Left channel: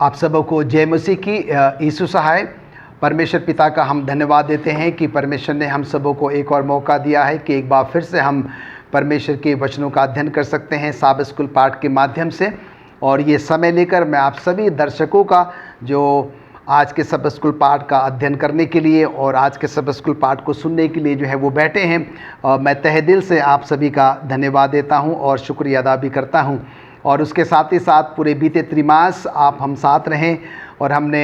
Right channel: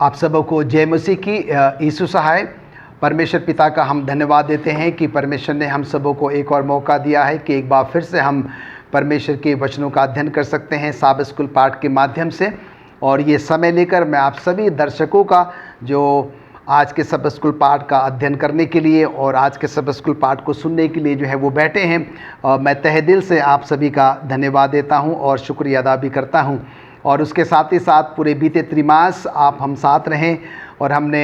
आप सबों को जय मसीह की यीशु सहाय। परमेश्वर पिता का हम धन्यवाद देते हैं कि परमेश्वर ने हम सबों को एक और मौका दिया है कि एक बार फिर से हम परमेश्वर के वचनों का अध्ययन कर सकते हैं साबित स्कूल पाठ के माध्यम से। और ये समय लेकर मैं आप सभी दर्शकों का जो आज के सबक स्कूल पाठ का अध्ययन करने के लिए और आज के सबक स्कूल पाठ को सुनने के लिए जो है वो बैठे हैं, मैं तहे दिल से आप सभी का धन्यवाद देता हूं और शुक्रिया अदा भी करता हूं। और उसके साथ ही साथ पूरे बीते त्रिमास आप हम साथ रहें और हमने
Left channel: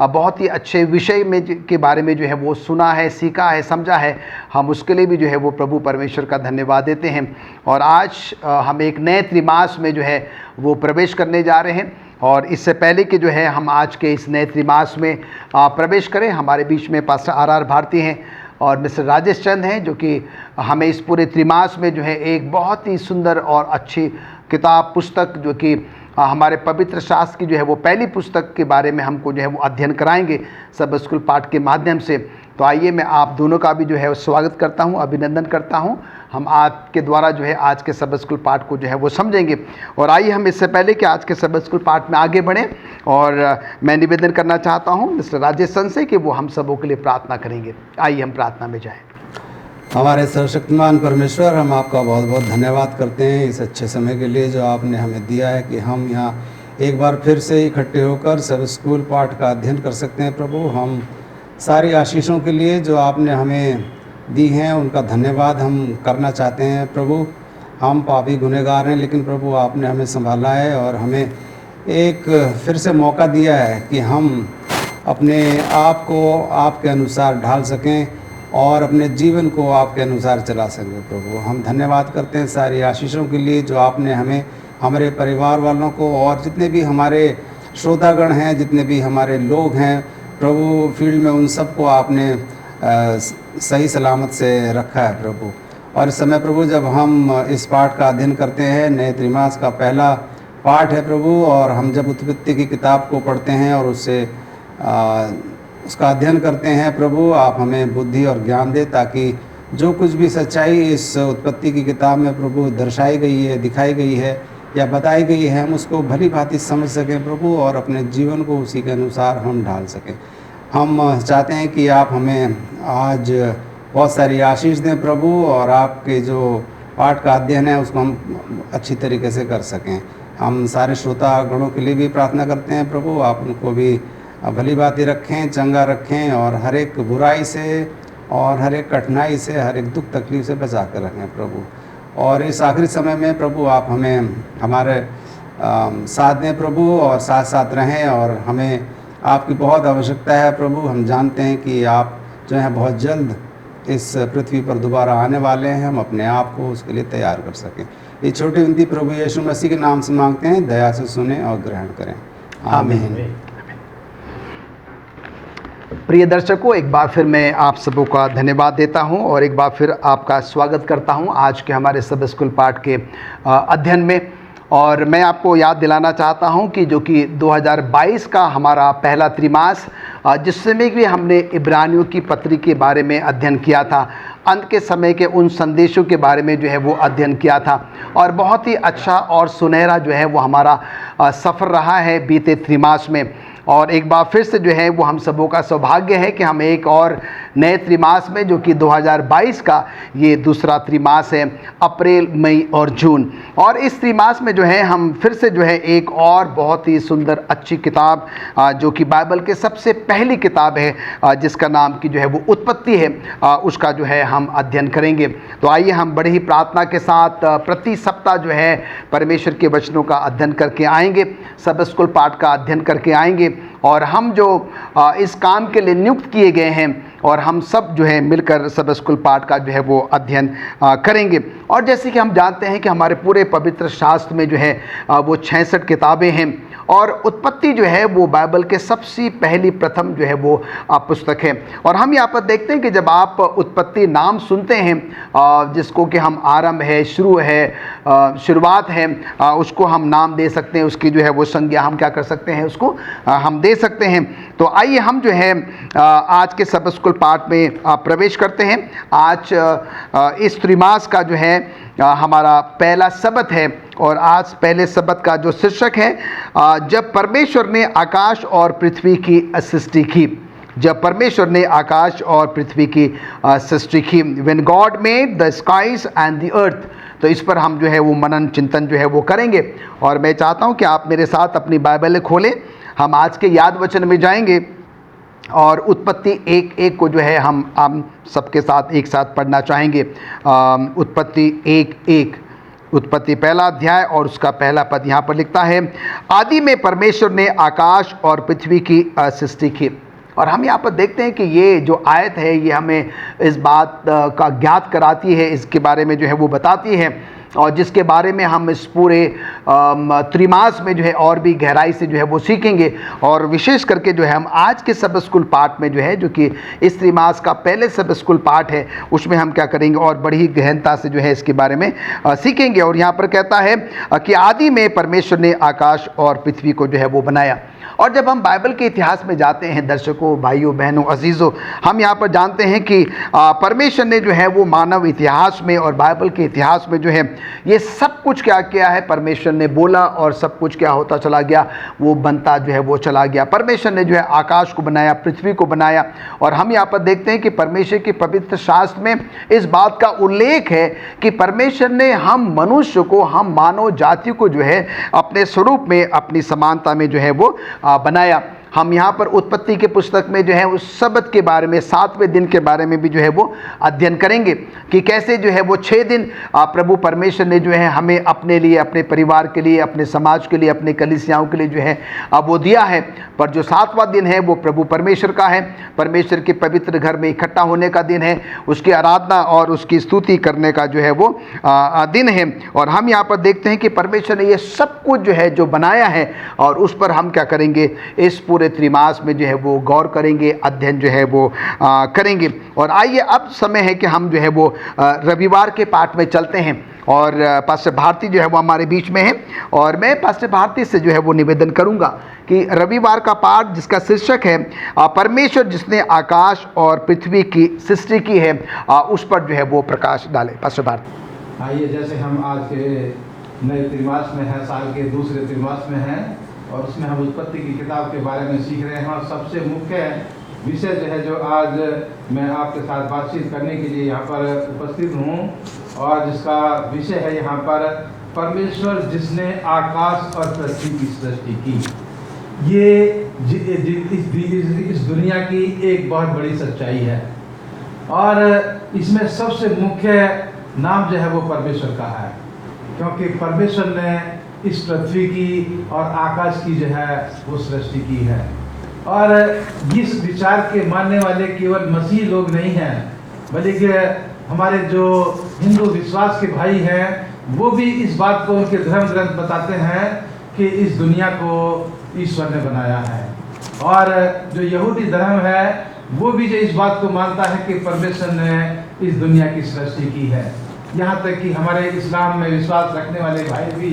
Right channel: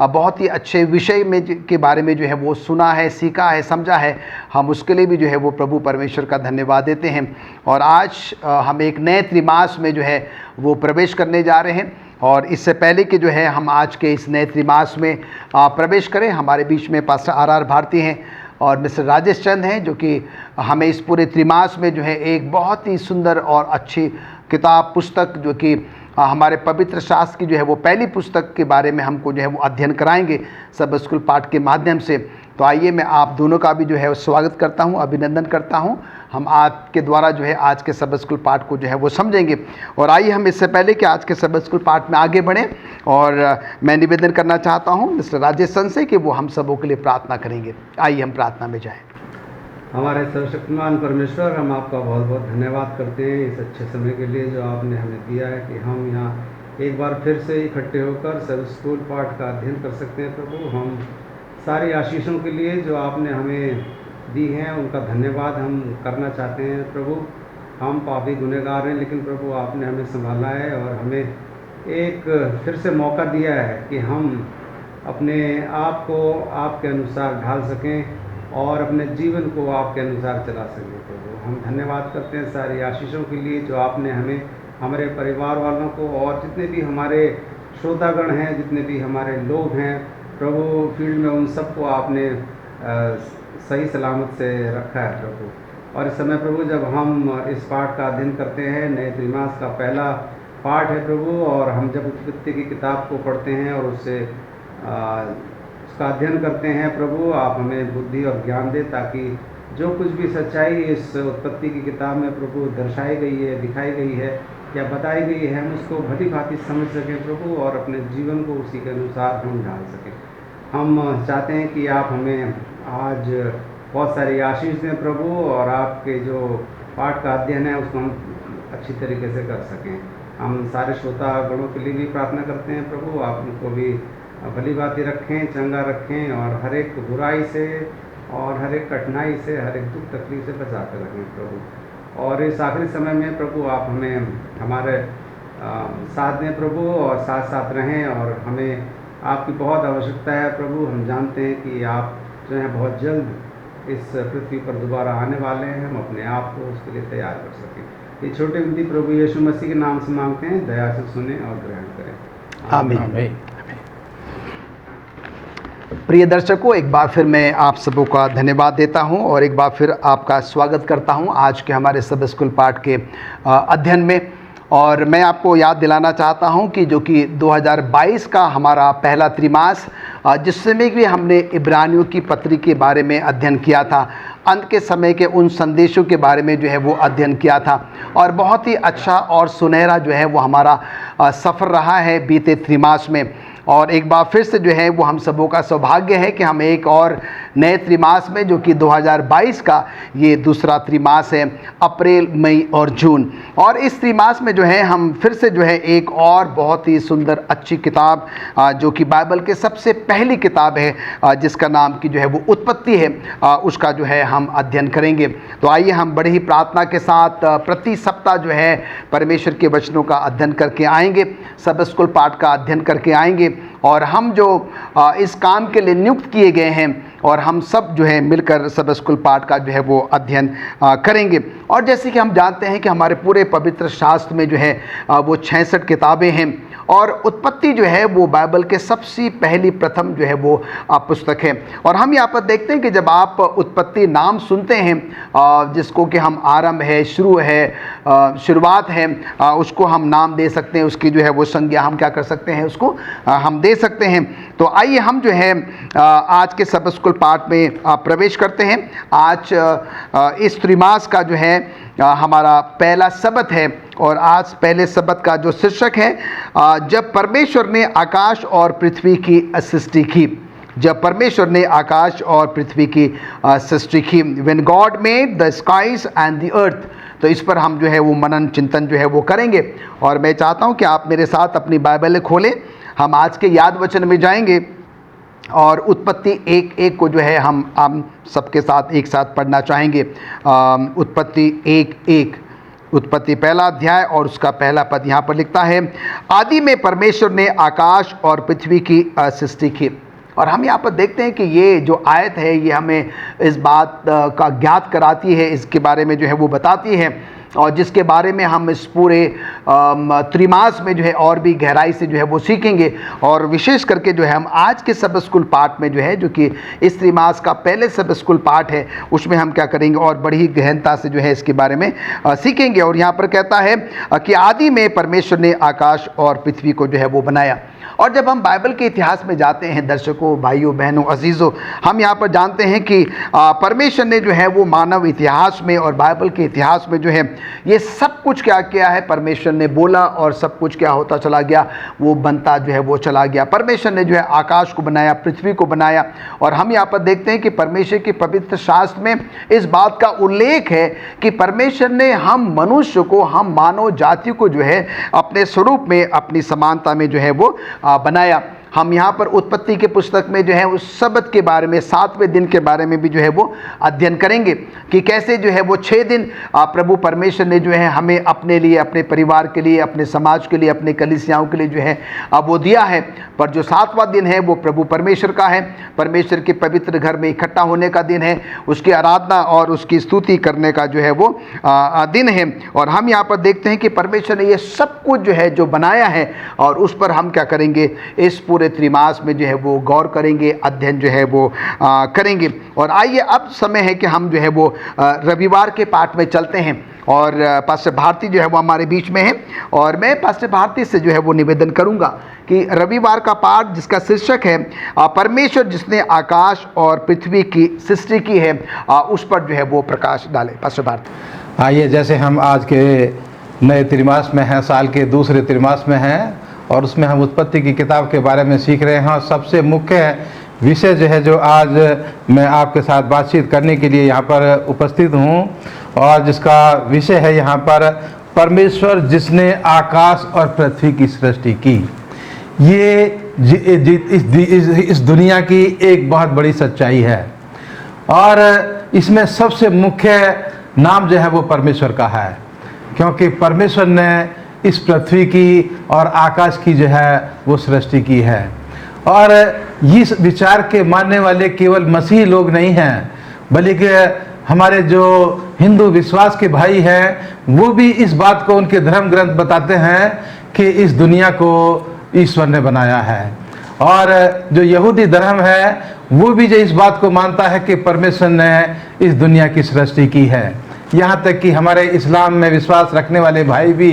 बहुत ही अच्छे विषय में के बारे में जो है वो सुना है, सीखा है, समझा है। हम उसके लिए भी जो है वो प्रभु परमेश्वर का धन्यवाद देते हैं। और आज हम एक नए त्रिमास में जो है वो प्रवेश करने जा रहे हैं। और इससे पहले कि जो है हम आज के इस नए त्रिमास में प्रवेश करें, हमारे बीच में पास्टर आर भारती हैं और मिस्टर राजेश चंद हैं, जो कि हमें इस पूरे त्रिमास में जो है एक बहुत ही सुंदर और अच्छी किताब पुस्तक जो कि हमारे पवित्र शास्त्र की जो है वो पहली पुस्तक के बारे में हमको जो है वो अध्ययन कराएंगे सब स्कूल पाठ के माध्यम से। तो आइए मैं आप दोनों का भी जो है स्वागत करता हूं, अभिनंदन करता हूं। हम आपके द्वारा जो है आज के सब स्कूल पाठ को जो है वो समझेंगे। और आइए हम इससे पहले कि आज के सब स्कूल पाठ में आगे बढ़ें, और मैं निवेदन करना चाहता हूं मिस्टर राजेश सन से कि वो हम सबों के लिए प्रार्थना करेंगे। आइए हम प्रार्थना में जाएँ। हमारे सर्वशक्तिमान परमेश्वर, हम आपका बहुत बहुत धन्यवाद करते हैं इस अच्छे समय के लिए जो आपने हमें दिया है कि हम यहाँ एक बार फिर से इकट्ठे होकर सब स्कूल पाठ का अध्ययन कर सकते हैं। प्रभु, हम सारी आशीषों के लिए जो आपने हमें दी हैं उनका धन्यवाद हम करना चाहते हैं। प्रभु, हम पापी गुनहगार हैं, लेकिन प्रभु आपने हमें संभाला है और हमें एक फिर से मौका दिया है कि हम अपने आप को आपके अनुसार ढाल सकें और अपने जीवन को आपके अनुसार चला सकें। प्रभु, हम धन्यवाद करते हैं सारी आशीषों के लिए जो आपने हमें, हमारे परिवार वालों को और जितने भी हमारे श्रोतागण हैं, जितने भी हमारे लोग हैं प्रभु फील्ड में, उन सबको आपने सही सलामत से रखा है प्रभु। और इस समय प्रभु जब हम इस पाठ का अध्ययन करते हैं, नए त्रिमास का पहला पाठ है प्रभु, और हम जब उत्पत्ति की किताब को पढ़ते हैं और उससे उसका अध्ययन करते हैं प्रभु, आप हमें बुद्धि और ज्ञान दे ताकि जो कुछ भी सच्चाई इस उत्पत्ति की किताब में प्रभु दर्शाई गई है, दिखाई गई है या बताई गई है, हम उसको भली भांति समझ सकें प्रभु और अपने जीवन को उसी के अनुसार हम ढाल सकें। हम चाहते हैं कि आप हमें आज बहुत सारी आशीष दें प्रभु, और आपके जो पाठ का अध्ययन है उसको हम अच्छी तरीके से कर सकें। हम सारे श्रोतागणों के लिए भी प्रार्थना करते हैं प्रभु, आप उनको भी भली बातें रखें, चंगा रखें और हर एक बुराई से और हर एक कठिनाई से, हर एक दुख तकलीफ से बचा कर रखें प्रभु। और इस आखिरी समय में प्रभु आप हमें हमारे साथ दें प्रभु और साथ साथ रहें, और हमें आपकी बहुत आवश्यकता है प्रभु। हम जानते हैं कि आप जो है बहुत जल्द इस पृथ्वी पर दोबारा आने वाले हैं, हम अपने आप को उसके लिए तैयार कर सकें। ये छोटी विनती प्रभु यीशु मसीह के नाम से मांगते हैं, दया से सुने और ग्रहण करें। आमीन। प्रिय दर्शकों, एक बार फिर मैं आप सबों का धन्यवाद देता हूं और एक बार फिर आपका स्वागत करता हूं आज के हमारे सब स्कूल पाठ के अध्ययन में। और मैं आपको याद दिलाना चाहता हूं कि जो कि 2022 का हमारा पहला त्रिमास, जिसमें भी हमने इब्रानियों की पत्री के बारे में अध्ययन किया था, अंत के समय के उन संदेशों के बारे में जो है वो अध्ययन किया था, और बहुत ही अच्छा और सुनहरा जो है वो हमारा सफ़र रहा है बीते त्रिमास में। और एक बार फिर से जो है वो हम सबों का सौभाग्य है कि हम एक और नए त्रिमास में, जो कि 2022 का ये दूसरा त्रिमास है, अप्रैल, मई और जून। और इस त्रिमास में जो है हम फिर से जो है एक और बहुत ही सुंदर अच्छी किताब, जो कि बाइबल के सबसे पहली किताब है, जिसका नाम की जो है वो उत्पत्ति है, उसका जो है हम अध्ययन करेंगे। तो आइए हम बड़े ही प्रार्थना के साथ प्रति सप्ताह जो है परमेश्वर के वचनों का अध्ययन करके आएंगे, सब स्कूल पाठ का अध्ययन करके आएंगे। और हम जो इस काम के लिए नियुक्त किए गए हैं, और हम सब जो है मिलकर सब स्कूल पाठ का जो है वो अध्ययन करेंगे। और जैसे कि हम जानते हैं कि हमारे पूरे पवित्र शास्त्र में जो है वो 66 किताबें हैं, और उत्पत्ति जो है वो बाइबल के सबसे पहली प्रथम जो है वो पुस्तक है। और हम यहाँ पर देखते हैं कि जब आप उत्पत्ति नाम सुनते हैं, जिसको कि हम आरंभ है, शुरू है, शुरुआत है, उसको हम नाम दे सकते हैं, उसकी जो है वो संज्ञा हम क्या कर सकते हैं, उसको हम दे सकते हैं। तो आइए हम जो है आज के सब स्कूल पाठ में प्रवेश करते हैं। आज इस त्रिमास का जो है हमारा पहला सबत है और आज पहले सबत का जो शीर्षक है जब परमेश्वर ने आकाश और पृथ्वी की सृष्टि की। जब परमेश्वर ने आकाश और पृथ्वी की सृष्टि की, when God made the skies and the earth. तो इस पर हम जो है वो मनन चिंतन जो है वो करेंगे और मैं चाहता हूँ कि आप मेरे साथ अपनी बाइबल खोलें। हम आज के याद वचन में जाएंगे और उत्पत्ति 1:1 को जो है हम सबके साथ एक साथ पढ़ना चाहेंगे। उत्पत्ति 1:1, उत्पत्ति पहला अध्याय और उसका पहला पद यहाँ पर लिखता है, आदि में परमेश्वर ने आकाश और पृथ्वी की सृष्टि की। और हम यहाँ पर देखते हैं कि ये जो आयत है ये हमें इस बात का ज्ञात कराती है, इसके बारे में जो है वो बताती है और जिसके बारे में हम इस पूरे त्रिमास में जो है और भी गहराई से जो है वो सीखेंगे। और विशेष करके जो है हम आज के सब स्कूल पाठ में जो है, जो कि इस त्रिमास का पहले सब स्कूल पाठ है, उसमें हम क्या करेंगे और बड़ी गहनता से जो है इसके बारे में सीखेंगे। और यहाँ पर कहता है कि आदि में परमेश्वर ने आकाश और पृथ्वी को जो है वो बनाया। और जब हम बाइबल के इतिहास में जाते हैं दर्शकों, भाइयों, बहनों, अजीज़ों, हम यहाँ पर जानते हैं कि परमेश्वर ने जो है वो मानव इतिहास में और बाइबल के इतिहास में जो है ये सब कुछ क्या किया है, परमेश्वर ने बोला और सब कुछ क्या होता चला गया, वो बनता जो है वो चला गया। परमेश्वर ने जो है आकाश को बनाया, पृथ्वी को बनाया। और हम यहाँ पर देखते हैं कि परमेश्वर के पवित्र शास्त्र में इस बात का उल्लेख है कि परमेश्वर ने हम मनुष्य को, हम मानव जाति को जो है अपने स्वरूप में, अपनी समानता में जो है वो बनाया। हम यहाँ पर उत्पत्ति के पुस्तक में जो है उस सबत के बारे में, 7वें दिन के बारे में भी जो है वो अध्ययन करेंगे कि कैसे जो है वो 6 दिन प्रभु परमेश्वर ने जो है हमें अपने लिए, अपने परिवार के लिए, अपने समाज के लिए, अपने कलीसियाओं के लिए जो है वो दिया है। पर जो 7वां दिन है वो प्रभु परमेश्वर का है, परमेश्वर के पवित्र घर में इकट्ठा होने का दिन है, उसकी आराधना और उसकी स्तुति करने का जो है वो दिन है। और हम यहाँ पर देखते हैं कि परमेश्वर ने ये सब कुछ जो है जो बनाया है और उस पर हम क्या करेंगे, इस पूरे त्रिमास में जो है वो गौर करेंगे, अध्ययन जो है वो करेंगे। और आइए अब समय है कि हम जो है वो रविवार के पाठ में चलते हैं और पास्टर भारती जो है वो हमारे बीच में है और मैं पास्टर भारती से जो है वो निवेदन करूंगा कि रविवार का पाठ जिसका शीर्षक है परमेश्वर जिसने आकाश और पृथ्वी की सृष्टि की है, उस पर जो है वो प्रकाश डाले। पास्टर भारती। आइए, जैसे हम आज के नए त्रिमास में हैं, साल के दूसरे त्रिमास में हैं और उसमें हम उत्पत्ति की किताब के बारे में सीख रहे हैं। सबसे मुख्य विषय जो है जो आज मैं आपके साथ बातचीत करने के लिए यहाँ पर उपस्थित हूँ और जिसका विषय है यहाँ पर परमेश्वर जिसने आकाश और पृथ्वी की सृष्टि की। ये इस दुनिया की एक बहुत बड़ी सच्चाई है और इसमें सबसे मुख्य नाम जो है वो परमेश्वर का है, क्योंकि परमेश्वर ने इस पृथ्वी की और आकाश की जो है वो सृष्टि की है। और इस विचार के मानने वाले केवल मसीही लोग नहीं हैं, बल्कि हमारे जो हिंदू विश्वास के भाई हैं वो भी इस बात को उनके धर्म ग्रंथ बताते हैं कि इस दुनिया को ईश्वर ने बनाया है। और जो यहूदी धर्म है वो भी जो इस बात को मानता है कि परमेश्वर ने इस दुनिया की सृष्टि की है। यहाँ तक कि हमारे इस्लाम में विश्वास रखने वाले भाई भी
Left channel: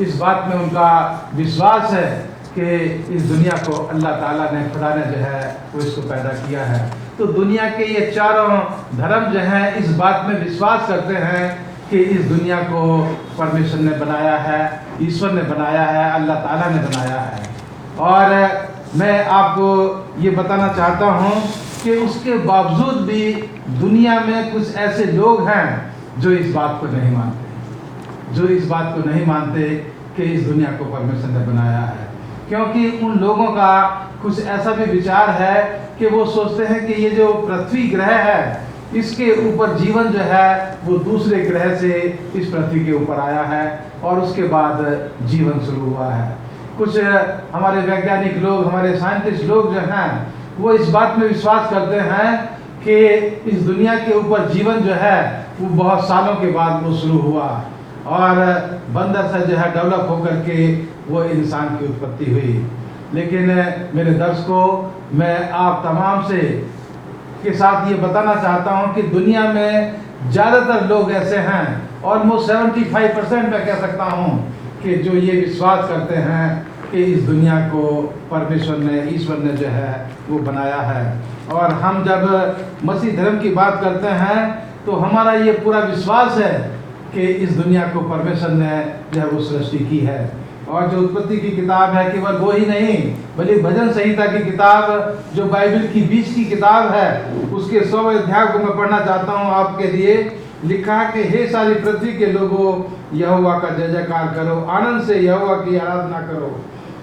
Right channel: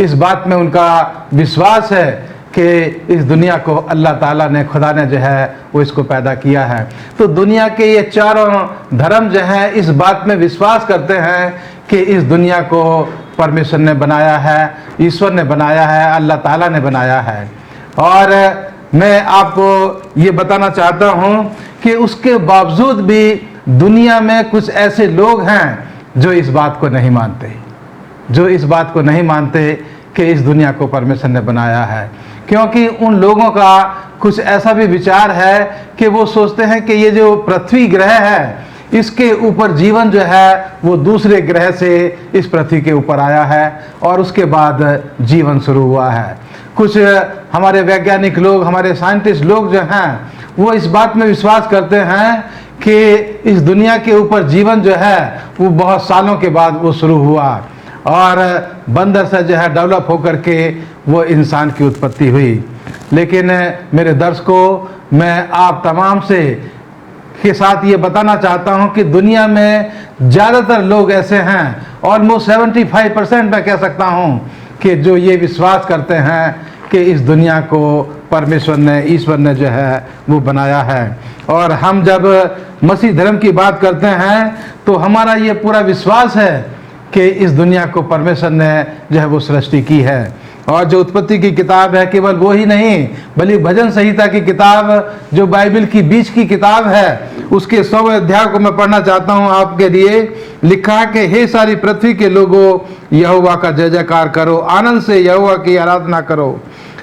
इस बात में उनका विश्वास है कि इस दुनिया को अल्लाह ताला ने, खुदा ने जो है वो इसको पैदा किया है। तो दुनिया के ये चारों धर्म जो है इस बात में विश्वास करते हैं कि इस दुनिया को परमेश्वर ने बनाया है, ईश्वर ने बनाया है, अल्लाह ताला ने बनाया है। और मैं आपको ये बताना चाहता हूँ कि उसके बावजूद भी दुनिया में कुछ ऐसे लोग हैं जो इस बात को नहीं मानते, जो इस बात को नहीं मानते कि इस दुनिया को परमेश्वर ने बनाया है। क्योंकि उन लोगों का कुछ ऐसा भी विचार है कि वो सोचते हैं कि ये जो पृथ्वी ग्रह है इसके ऊपर जीवन जो है वो दूसरे ग्रह से इस पृथ्वी के ऊपर आया है और उसके बाद जीवन शुरू हुआ है। कुछ हमारे वैज्ञानिक लोग, हमारे साइंटिस्ट लोग जो हैं वो इस बात में विश्वास करते हैं कि इस दुनिया के ऊपर जीवन जो है वो बहुत सालों के बाद वो शुरू हुआ और बंदर से जो है डेवलप होकर के वो इंसान की उत्पत्ति हुई। लेकिन मेरे दर्शकों, मैं आप तमाम से के साथ ये बताना चाहता हूँ कि दुनिया में ज़्यादातर लोग ऐसे हैं, ऑलमोस्ट 75% मैं कह सकता हूँ कि जो ये विश्वास करते हैं कि इस दुनिया को परमेश्वर ने, ईश्वर ने जो है वो बनाया है। और हम जब मसीह धर्म की बात करते हैं तो हमारा ये पूरा विश्वास है कि इस दुनिया को परमेश्वर ने जो है वो सृष्टि की है। और जो उत्पत्ति की किताब है केवल वो ही नहीं, बल्कि भजन संहिता की किताब जो बाइबल की बीच की किताब है, उसके 100 अध्याय को मैं पढ़ना चाहता हूँ आपके लिए। लिखा है कि हे सारी पृथ्वी के लोगों, यहोवा का जय जयकार करो, आनंद से यहोवा की आराधना करो,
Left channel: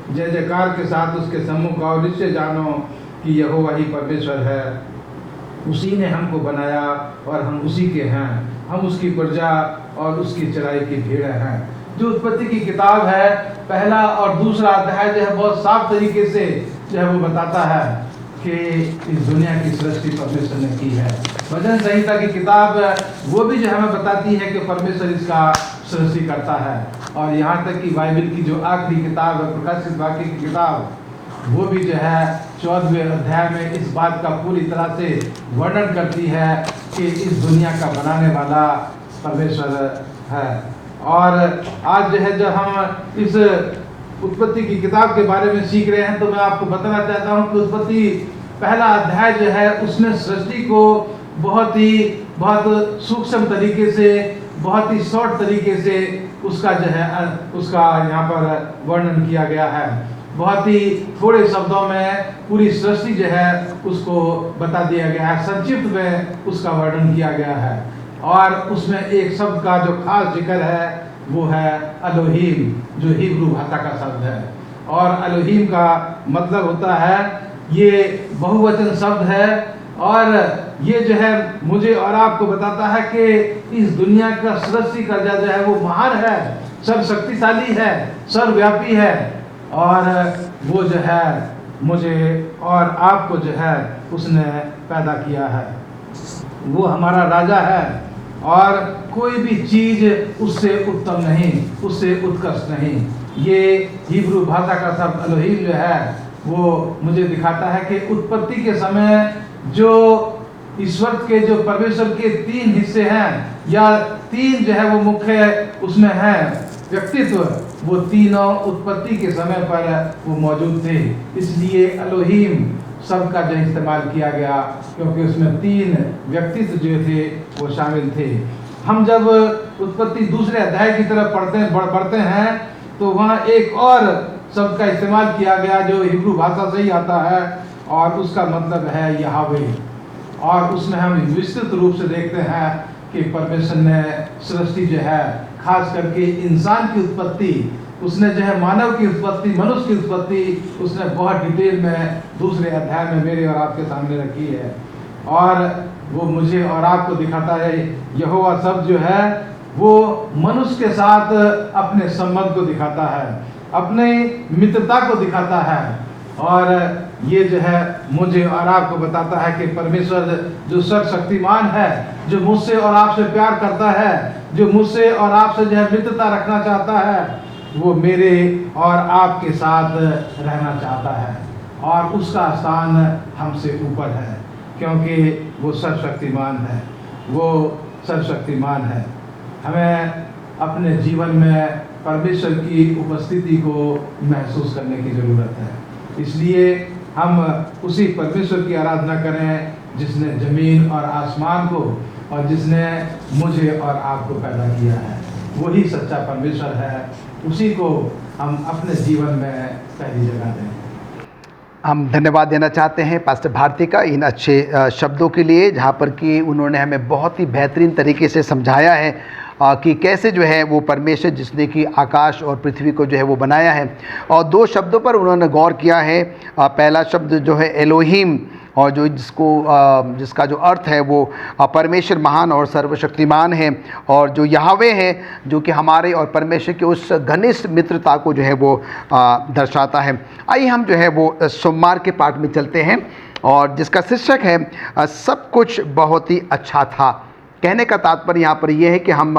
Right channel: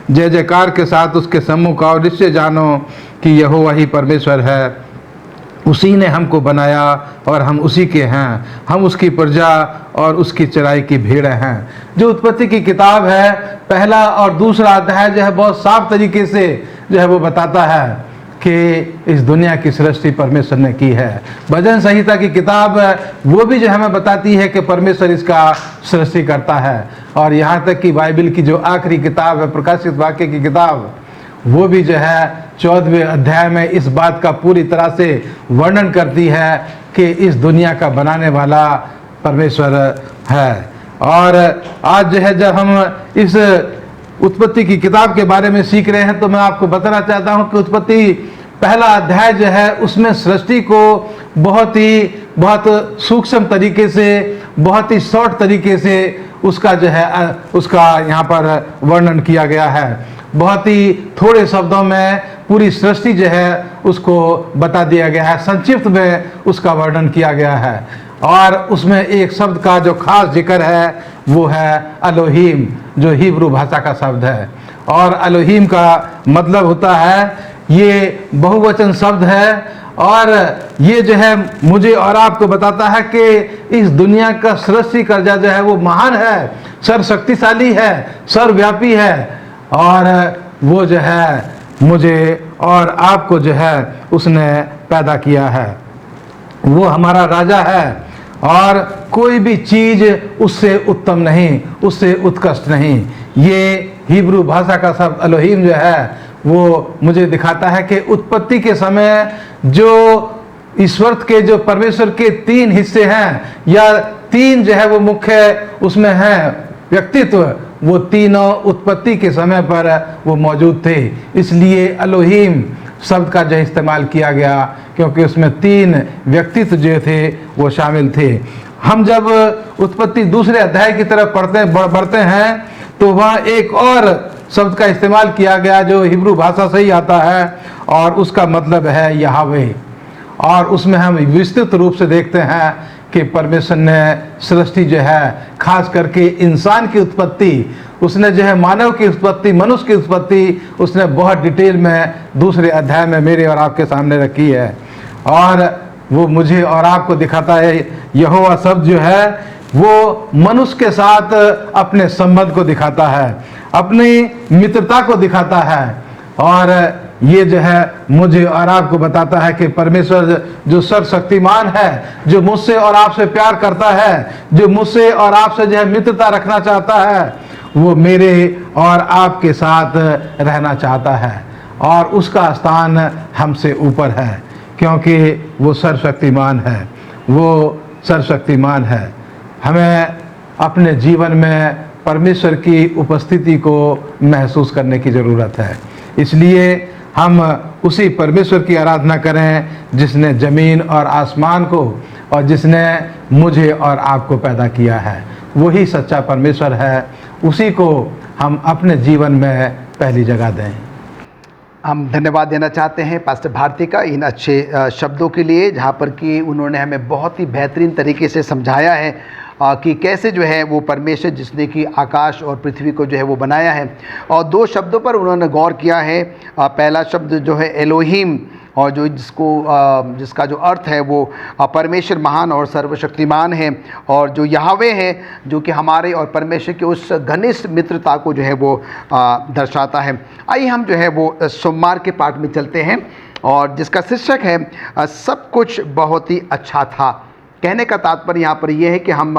जय जयकार के साथ उसके सम्मुख आओ, निश्चय जानो कि यहोवा ही परमेश्वर है। उसी ने हमको बनाया और हम उसी के हैं, हम उसकी प्रजा और उसकी चराई की भीड़ हैं। जो उत्पत्ति की किताब है, पहला और दूसरा अध्याय जो है बहुत साफ तरीके से जो है वो बताता है कि इस दुनिया की सृष्टि परमेश्वर ने की है। भजन संहिता की किताब वो भी जो हमें बताती है कि परमेश्वर इसका सृष्टि करता है। और यहाँ तक कि बाइबल की जो आखिरी किताब है, प्रकाशित वाक्य की किताब, वो भी जो है 14वें अध्याय में इस बात का पूरी तरह से वर्णन करती है कि इस दुनिया का बनाने वाला परमेश्वर है। और आज जो है जब हम इस उत्पत्ति की किताब के बारे में सीख रहे हैं तो मैं आपको बताना चाहता हूं कि उत्पत्ति पहला अध्याय जो है उसमें सृष्टि को बहुत सूक्ष्म तरीके से, बहुत ही शॉर्ट तरीके से उसका जो है उसका यहाँ पर वर्णन किया गया है। बहुत ही थोड़े शब्दों में पूरी सृष्टि जो है उसको बता दिया गया है, संक्षिप्त में उसका वर्णन किया गया है। और उसमें एक शब्द का जो खास जिक्र है वो है एलोहीम, जो हिब्रू भाषा का शब्द है। और एलोहीम का मतलब होता है, ये बहुवचन शब्द है। और ये जो है मुझे और आपको बताता है कि इस दुनिया का सृष्टि कर्ता जो है वो महान है, सर्वशक्तिशाली है, सर्वव्यापी है। और वो जो है मुझे और आपको जो है उसने पैदा किया है। वो हमारा राजा है और कोई भी चीज उससे उत्तम नहीं, उससे उत्कृष्ट नहीं। ये हिब्रू भाषा का शब्द एलोहीम जो है वो मुझे दिखाता है कि उत्पत्ति के समय जो ईश्वर के, जो परमेश्वर के 3 हिस्से हैं या 3 जो है वो मुख्य उसमें हैं व्यक्तित्व, वो तीनों उत्पत्ति के समय पर वो मौजूद थे। इसलिए एलोहीम शब्द का जो इस्तेमाल किया गया, क्योंकि उसमें 3 व्यक्तित्व जो थे वो शामिल थे। हम जब उत्पत्ति दूसरे अध्याय की तरफ बढ़ते हैं तो वहाँ एक और शब्द का इस्तेमाल किया गया जो हिब्रू भाषा से ही आता है और उसका मतलब है यहोवे। और उसमें हम विस्तृत रूप से देखते हैं कि परमेश्वर ने सृष्टि जो है, खास करके इंसान की उत्पत्ति, उसने जो है मानव की उत्पत्ति, मनुष्य की उत्पत्ति उसने बहुत डिटेल में दूसरे अध्याय में मेरे और आपके सामने रखी है। और वो मुझे और आपको दिखाता है, यहोवा शब्द जो है वो मनुष्य के साथ अपने संबंध को दिखाता है, अपनी मित्रता को दिखाता है। और ये जो है मुझे और आपको बताता है कि परमेश्वर जो सर्वशक्तिमान है, जो मुझसे और आपसे प्यार करता है, जो मुझसे और आपसे जो है मित्रता रखना चाहता है, वो मेरे और आपके साथ रहना चाहता है। और उसका स्थान हमसे ऊपर है, क्योंकि वो सर्वशक्तिमान है, वो सर्वशक्तिमान है। हमें अपने जीवन में परमेश्वर की उपस्थिति को महसूस करने की ज़रूरत है। इसलिए हम उसी परमेश्वर की आराधना करें जिसने ज़मीन और आसमान को और जिसने मुझे और आपको पैदा किया है। वही सच्चा परमेश्वर है, उसी को हम अपने जीवन में पहली जगह दें। हम धन्यवाद देना चाहते हैं पास्टर भारती का इन अच्छे शब्दों के लिए, जहाँ पर कि उन्होंने हमें बहुत ही बेहतरीन तरीके से समझाया है कि कैसे जो है वो परमेश्वर जिसने कि आकाश और पृथ्वी को जो है वो बनाया है। और 2 शब्दों पर उन्होंने गौर किया है। पहला शब्द जो है एलोहीम, और जो जिसका जो अर्थ है वो परमेश्वर महान और सर्वशक्तिमान है, और जो यहोवे है जो कि हमारे और परमेश्वर की उस घनिष्ठ मित्रता को जो है वो दर्शाता है। आइए हम जो है वो सोमवार के पाठ में चलते हैं, और जिसका शीर्षक है सब कुछ बहुत ही अच्छा था। कहने का तात्पर्य यहाँ पर यह है कि हम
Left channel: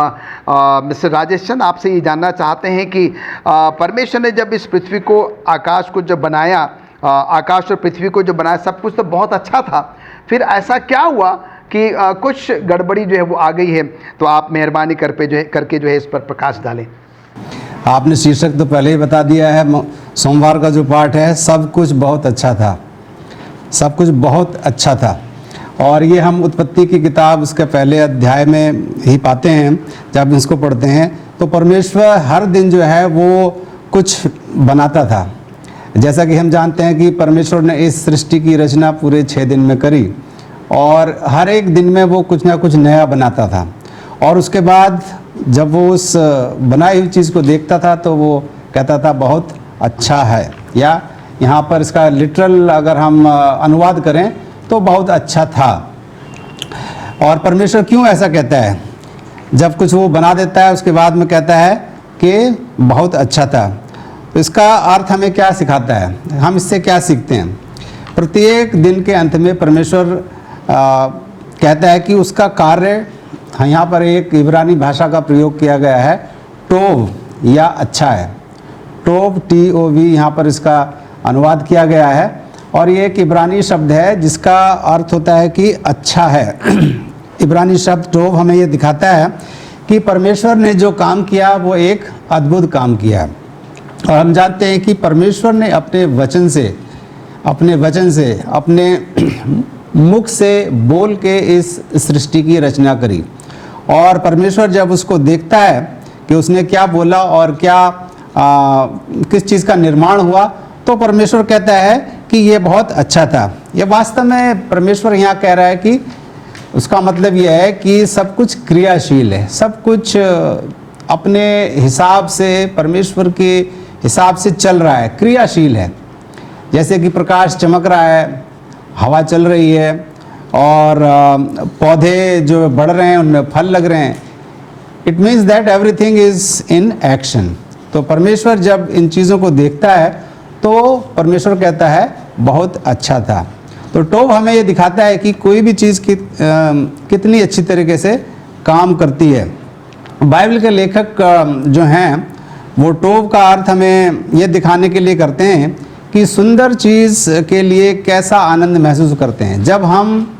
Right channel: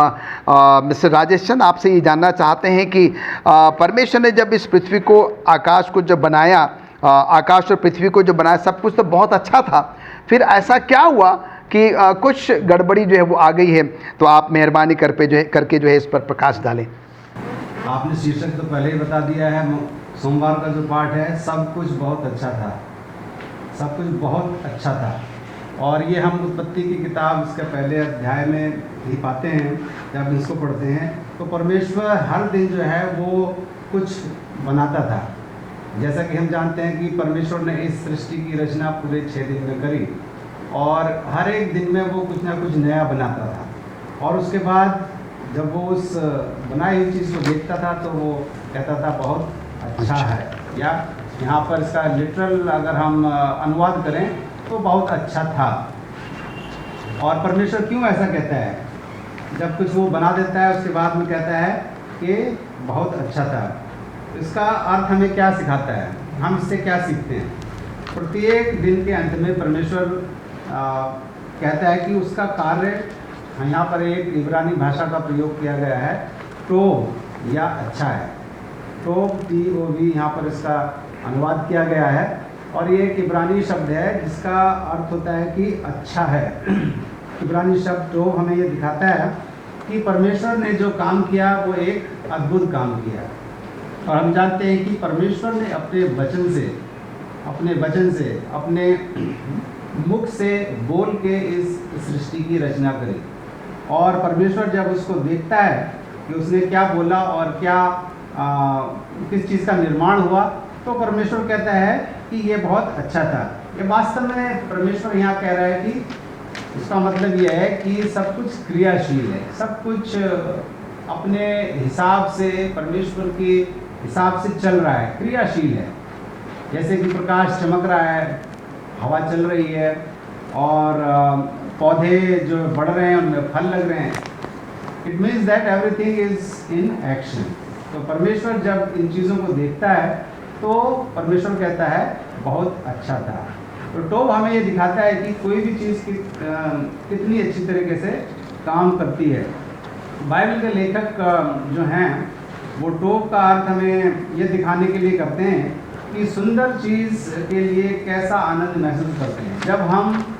मिस्टर राजेश चंद आपसे ये जानना चाहते हैं कि परमेश्वर ने जब इस पृथ्वी को, आकाश को जब बनाया, आकाश और पृथ्वी को जो बनाया, सब कुछ तो बहुत अच्छा था, फिर ऐसा क्या हुआ कि कुछ गड़बड़ी जो है वो आ गई है? तो आप मेहरबानी करके जो है इस पर प्रकाश डालें। आपने शीर्षक तो पहले ही बता दिया है। सोमवार का जो पाठ है, सब कुछ बहुत अच्छा था, सब कुछ बहुत अच्छा था। और ये हम उत्पत्ति की किताब उसके पहले अध्याय में ही पाते हैं। जब इसको पढ़ते हैं तो परमेश्वर हर दिन जो है वो कुछ बनाता था। जैसा कि हम जानते हैं कि परमेश्वर ने इस सृष्टि की रचना पूरे 6 दिन में करी और हर एक दिन में वो कुछ ना कुछ नया बनाता था। और उसके बाद जब वो उस बनाई हुई चीज़ को देखता था तो वो कहता था बहुत अच्छा है, या यहाँ पर इसका लिटरल अगर हम अनुवाद करें तो बहुत अच्छा था। और परमेश्वर क्यों ऐसा कहता है? जब कुछ वो बना देता है उसके बाद में कहता है कि बहुत अच्छा था, तो इसका अर्थ हमें क्या सिखाता है? हम इससे क्या सीखते हैं? प्रत्येक दिन के अंत में परमेश्वर कहता है कि उसका कार्य, यहाँ पर एक इब्रानी भाषा का प्रयोग किया गया है, टोब या अच्छा है। टोब TOV यहाँ पर इसका अनुवाद किया गया है और ये एक इब्रानी शब्द है जिसका अर्थ होता है कि अच्छा है। इब्रानी शब्द टोब हमें ये दिखाता है कि परमेश्वर ने जो काम किया वो एक अद्भुत काम किया। और हम जानते हैं कि परमेश्वर ने अपने वचन से अपने मुख से बोल के इस सृष्टि की रचना करी। और परमेश्वर जब उसको देखता है कि उसने क्या बोला और क्या किस चीज़ का निर्माण हुआ, तो परमेश्वर कहता है कि ये बहुत अच्छा था। ये वास्तव में परमेश्वर यहाँ कह रहा है कि उसका मतलब यह है कि सब कुछ क्रियाशील है, सब कुछ अपने हिसाब से, परमेश्वर के हिसाब से चल रहा है, क्रियाशील है। जैसे कि प्रकाश चमक रहा है, हवा चल रही है और पौधे जो बढ़ रहे हैं उनमें फल लग रहे हैं। It means that everything is in action. तो परमेश्वर जब इन चीज़ों को देखता है तो परमेश्वर कहता है बहुत अच्छा था। तो टोब हमें ये दिखाता है कि कोई भी चीज़ कितनी अच्छी तरीके से काम करती है। बाइबल के लेखक जो हैं वो टोब का अर्थ हमें ये दिखाने के लिए करते हैं कि सुंदर चीज़ के लिए कैसा आनंद महसूस करते हैं। जब हम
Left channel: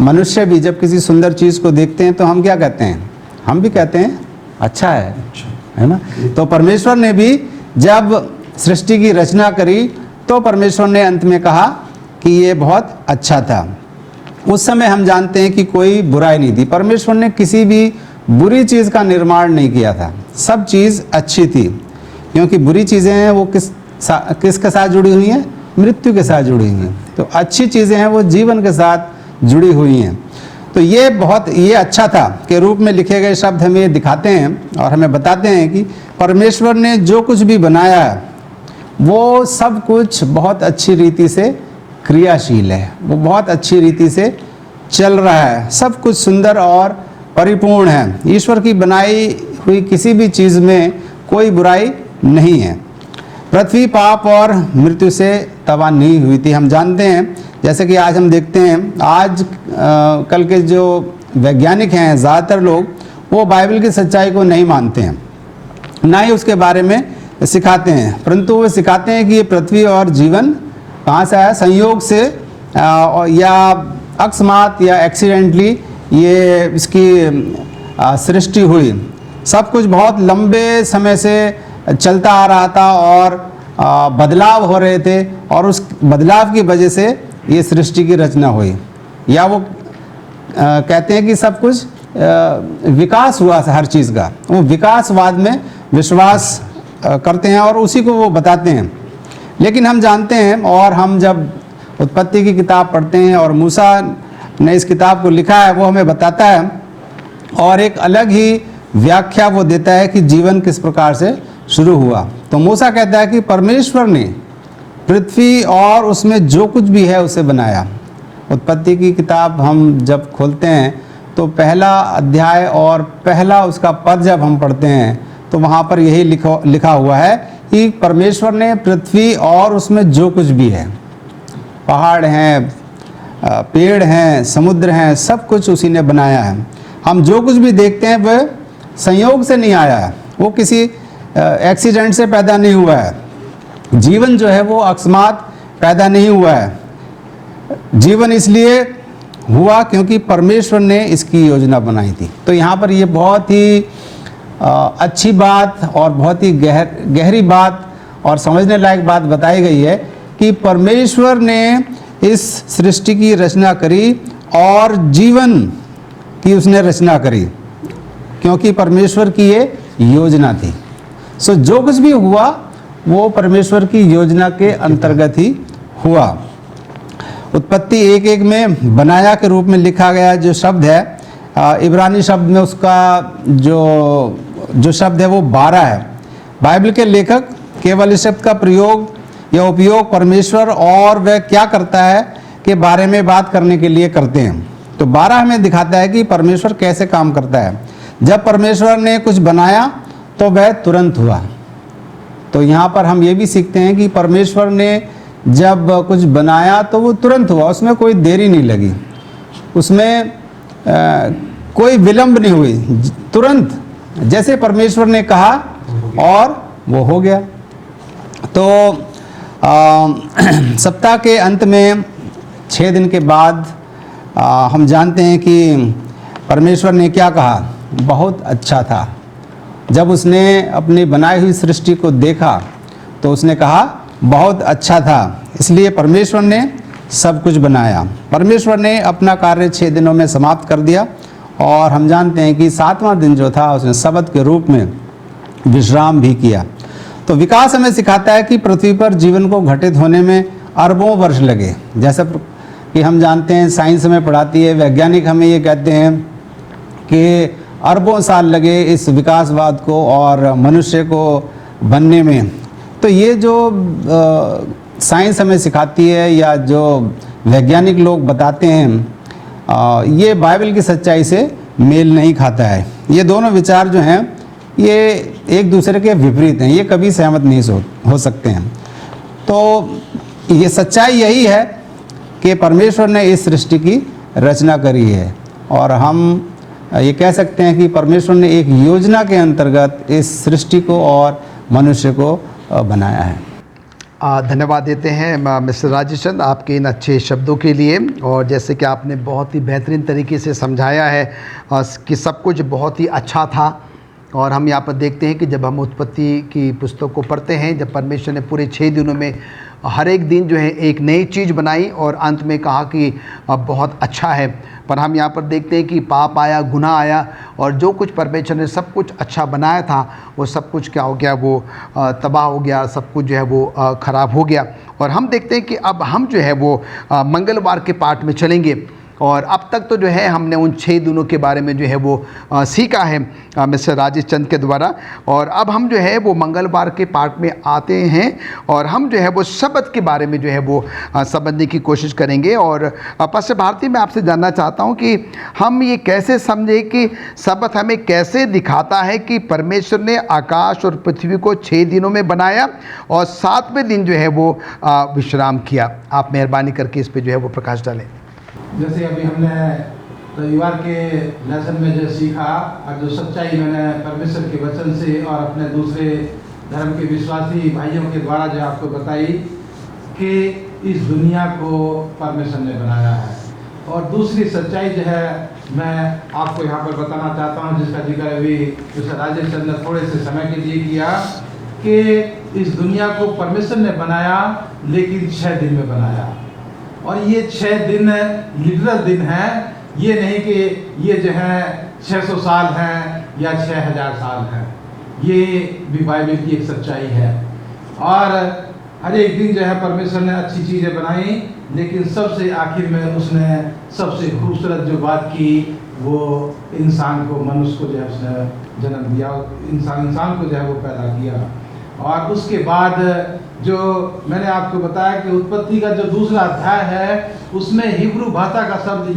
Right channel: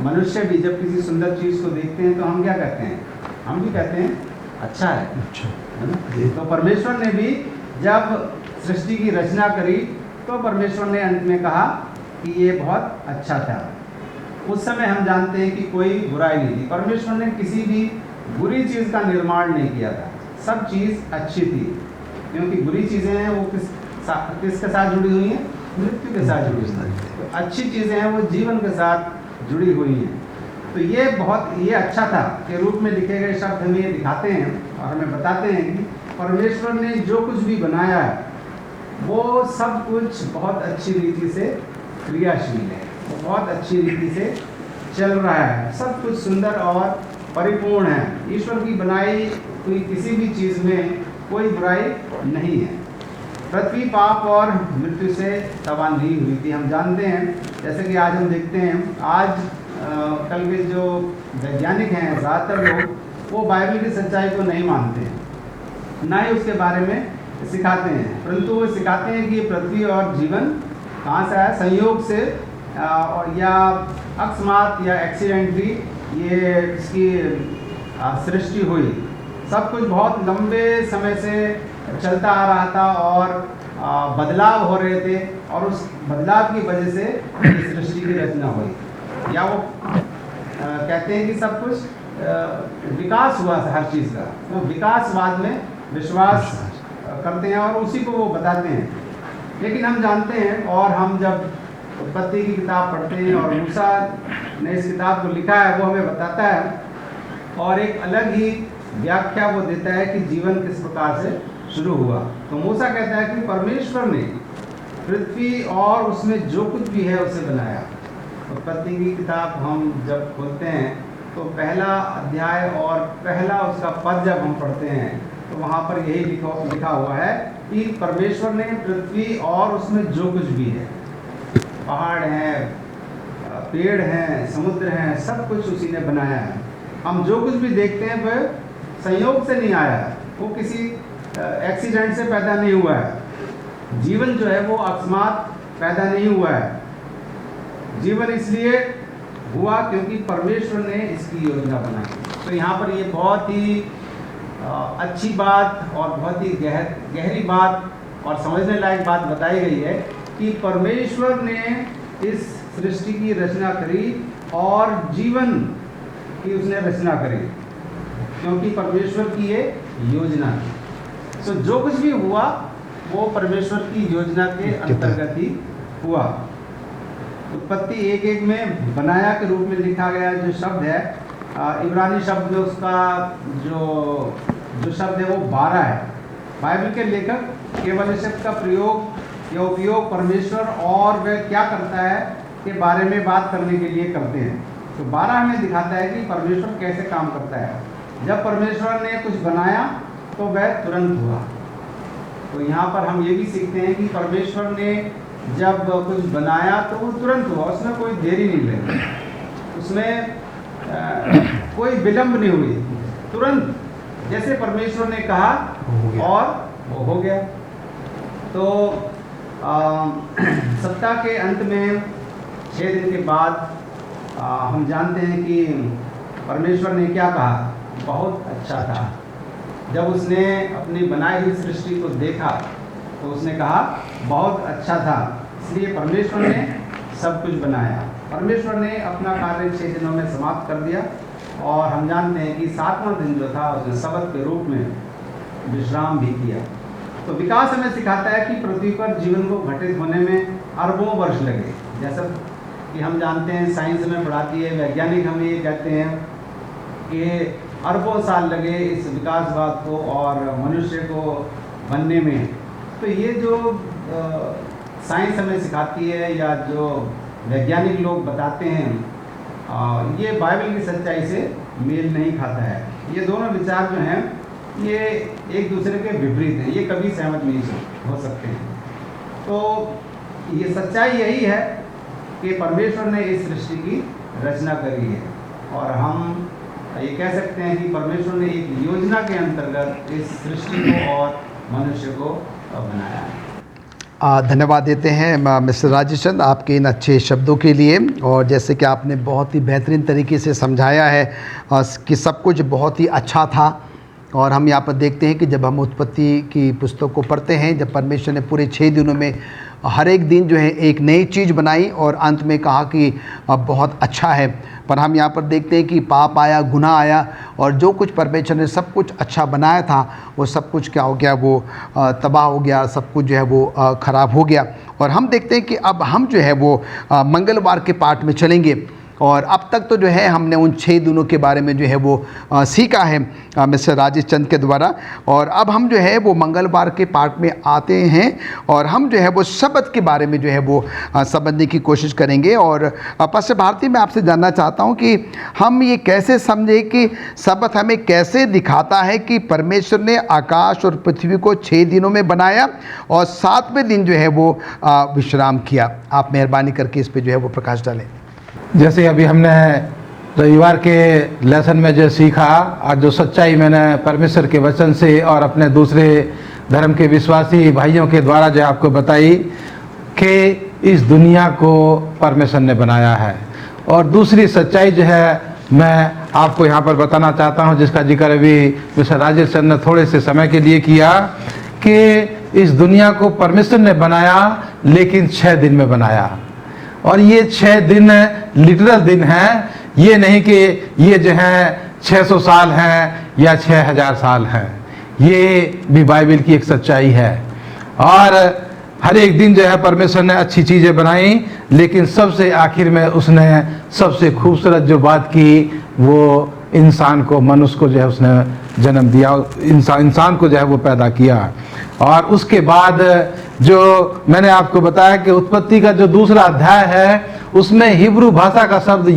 मनुष्य भी जब किसी सुंदर चीज़ को देखते हैं तो हम क्या कहते हैं? हम भी कहते हैं अच्छा है ना? तो परमेश्वर ने भी जब सृष्टि की रचना करी तो परमेश्वर ने अंत में कहा कि ये बहुत अच्छा था। उस समय हम जानते हैं कि कोई बुराई नहीं थी। परमेश्वर ने किसी भी बुरी चीज़ का निर्माण नहीं किया था, सब चीज़ अच्छी थी। क्योंकि बुरी चीज़ें हैं वो किसके साथ जुड़ी हुई हैं? मृत्यु के साथ जुड़ी हुई हैं। तो अच्छी चीज़ें हैं वो जीवन के साथ जुड़ी हुई हैं। तो ये अच्छा था के रूप में लिखे गए शब्द हमें ये दिखाते हैं और हमें बताते हैं कि परमेश्वर ने जो कुछ भी बनाया है वो सब कुछ बहुत अच्छी रीति से क्रियाशील है, वो बहुत अच्छी रीति से चल रहा है, सब कुछ सुंदर और परिपूर्ण है। ईश्वर की बनाई हुई किसी भी चीज़ में कोई बुराई नहीं है। पृथ्वी पाप और मृत्यु से तबाह नहीं हुई थी। हम जानते हैं, जैसे कि आज हम देखते हैं, आज कल के जो वैज्ञानिक हैं ज़्यादातर लोग वो बाइबल की सच्चाई को नहीं मानते हैं, ना ही उसके बारे में सिखाते हैं, परंतु वो सिखाते हैं कि ये पृथ्वी और जीवन कहाँ से आया? संयोग से या अकस्मात या एक्सीडेंटली ये इसकी सृष्टि हुई। सब कुछ बहुत लंबे समय से चलता आ रहा था और बदलाव हो रहे थे और उस बदलाव की वजह से ये सृष्टि की रचना हुई। या वो कहते हैं कि सब कुछ विकास हुआ हर चीज़ का, वो विकासवाद में विश्वास करते हैं और उसी को वो बताते हैं। लेकिन हम जानते हैं, और हम जब उत्पत्ति की किताब पढ़ते हैं और मूसा ने इस किताब को लिखा है, वो हमें बताता है और एक अलग ही व्याख्या वो देता है कि जीवन किस प्रकार से शुरू हुआ। तो मूसा कहता है कि परमेश्वर ने पृथ्वी और उसमें जो कुछ भी है उसे बनाया। उत्पत्ति की किताब हम जब खोलते हैं तो पहला अध्याय और पहला उसका पद जब हम पढ़ते हैं तो वहाँ पर यही लिखा हुआ है कि परमेश्वर ने पृथ्वी और उसमें जो कुछ भी है, पहाड़ हैं, पेड़ हैं, समुद्र हैं, सब कुछ उसी ने बनाया है। हम जो कुछ भी देखते हैं वह संयोग से नहीं आया है, वो किसी एक्सीडेंट से पैदा नहीं हुआ है। जीवन जो है वो अकस्मात पैदा नहीं हुआ है। जीवन इसलिए हुआ क्योंकि परमेश्वर ने इसकी योजना बनाई थी। तो यहाँ पर ये बहुत ही अच्छी बात और बहुत ही गहरी बात और समझने लायक बात बताई गई है कि परमेश्वर ने इस सृष्टि की रचना करी और जीवन की उसने रचना करी, क्योंकि परमेश्वर की ये योजना थी। सो जो कुछ भी हुआ वो परमेश्वर की योजना के अंतर्गत ही हुआ। उत्पत्ति 1:1 में बनाया के रूप में लिखा गया जो शब्द है, इब्रानी शब्द में उसका जो शब्द है वो 12 है। बाइबल के लेखक केवल इस शब्द का प्रयोग या उपयोग परमेश्वर और वह क्या करता है के बारे में बात करने के लिए करते हैं। तो 12 हमें दिखाता है कि परमेश्वर कैसे काम करता है। जब परमेश्वर ने कुछ बनाया तो वह तुरंत हुआ। तो यहाँ पर हम ये भी सीखते हैं कि परमेश्वर ने जब कुछ बनाया तो वो तुरंत हुआ, उसमें कोई देरी नहीं लगी, उसमें कोई विलंब नहीं हुई, तुरंत जैसे परमेश्वर ने कहा और वो हो गया। तो सप्ताह के अंत में 6 दिन के बाद हम जानते हैं कि परमेश्वर ने क्या कहा, बहुत अच्छा था। जब उसने अपनी बनाई हुई सृष्टि को देखा तो उसने कहा बहुत अच्छा था। इसलिए परमेश्वर ने सब कुछ बनाया। परमेश्वर ने अपना कार्य 6 दिनों में समाप्त कर दिया और हम जानते हैं कि 7वां दिन जो था उसने सबत के रूप में विश्राम भी किया। तो विकास हमें सिखाता है कि पृथ्वी पर जीवन को घटित होने में अरबों वर्ष लगे। जैसा कि हम जानते हैं, साइंस हमें पढ़ाती है, वैज्ञानिक हमें ये कहते हैं कि अरबों साल लगे इस विकासवाद को और मनुष्य को बनने में। तो ये जो साइंस हमें सिखाती है या जो वैज्ञानिक लोग बताते हैं, ये बाइबल की सच्चाई से मेल नहीं खाता है। ये दोनों विचार जो हैं ये एक दूसरे के विपरीत हैं, ये कभी सहमत नहीं हो सकते हैं। तो ये सच्चाई यही है कि परमेश्वर ने इस सृष्टि की रचना करी है और हम ये कह सकते हैं कि परमेश्वर ने एक योजना के अंतर्गत इस सृष्टि को और मनुष्य को बनाया है। धन्यवाद देते हैं मिस्टर राजेश चंद आपके इन अच्छे शब्दों के लिए। और जैसे कि आपने बहुत ही बेहतरीन तरीके से समझाया है कि सब कुछ बहुत ही अच्छा था। और हम यहाँ पर देखते हैं कि जब हम उत्पत्ति की पुस्तक को पढ़ते हैं, जब परमेश्वर ने पूरे 6 दिनों में हर एक दिन जो है एक नई चीज़ बनाई और अंत में कहा कि बहुत अच्छा है। पर हम यहाँ पर देखते हैं कि पाप आया, गुनाह आया और जो कुछ परमेश्वर ने सब कुछ अच्छा बनाया था वो सब कुछ क्या हो गया, वो तबाह हो गया, सब कुछ जो है वो ख़राब हो गया। और हम देखते हैं कि अब हम जो है वो मंगलवार के पाठ में चलेंगे। और अब तक तो जो है हमने उन 6 दिनों के बारे में जो है वो सीखा है मिस्टर राजेश चंद के द्वारा। और अब हम जो है वो मंगलवार के पाठ में आते हैं और हम जो है वो शब्द के बारे में जो है वो समझने की कोशिश करेंगे। और पास्टर भारती, मैं आपसे जानना चाहता हूं कि हम ये कैसे समझे कि शब्द हमें कैसे दिखाता है कि परमेश्वर ने आकाश और पृथ्वी को 6 दिनों में बनाया और 7वें दिन जो है वो विश्राम किया। आप मेहरबानी करके इस पर जो है वो प्रकाश डालें। जैसे अभी हमने रविवार के लेसन में जो सीखा और जो सच्चाई मैंने परमेश्वर के वचन से और अपने दूसरे धर्म के विश्वासी भाइयों के द्वारा जो आपको बताई कि इस दुनिया को परमेश्वर ने बनाया है। और दूसरी सच्चाई जो है मैं आपको यहाँ पर बताना चाहता हूँ, जिसका जिक्र अभी मिस्टर राजेश चंद ने थोड़े से समय के लिए किया, कि इस दुनिया को परमेश्वर ने बनाया लेकिन 6 दिन में बनाया। और ये 6 दिन लिटरल दिन हैं, ये नहीं कि ये जो है 600 साल हैं या 6000 साल हैं। ये भी बाइबल की एक सच्चाई है। और हर एक दिन जो है परमेश्वर ने अच्छी चीज़ें बनाई, लेकिन सबसे आखिर में उसने सबसे खूबसूरत जो बात की वो इंसान को, मनुष्य को जो है उसने जन्म दिया, इंसान को जो है वो पैदा किया। और उसके बाद जो मैंने आपको बताया कि उत्पत्ति का जो दूसरा अध्याय है उसमें हिब्रू भाषा का शब्द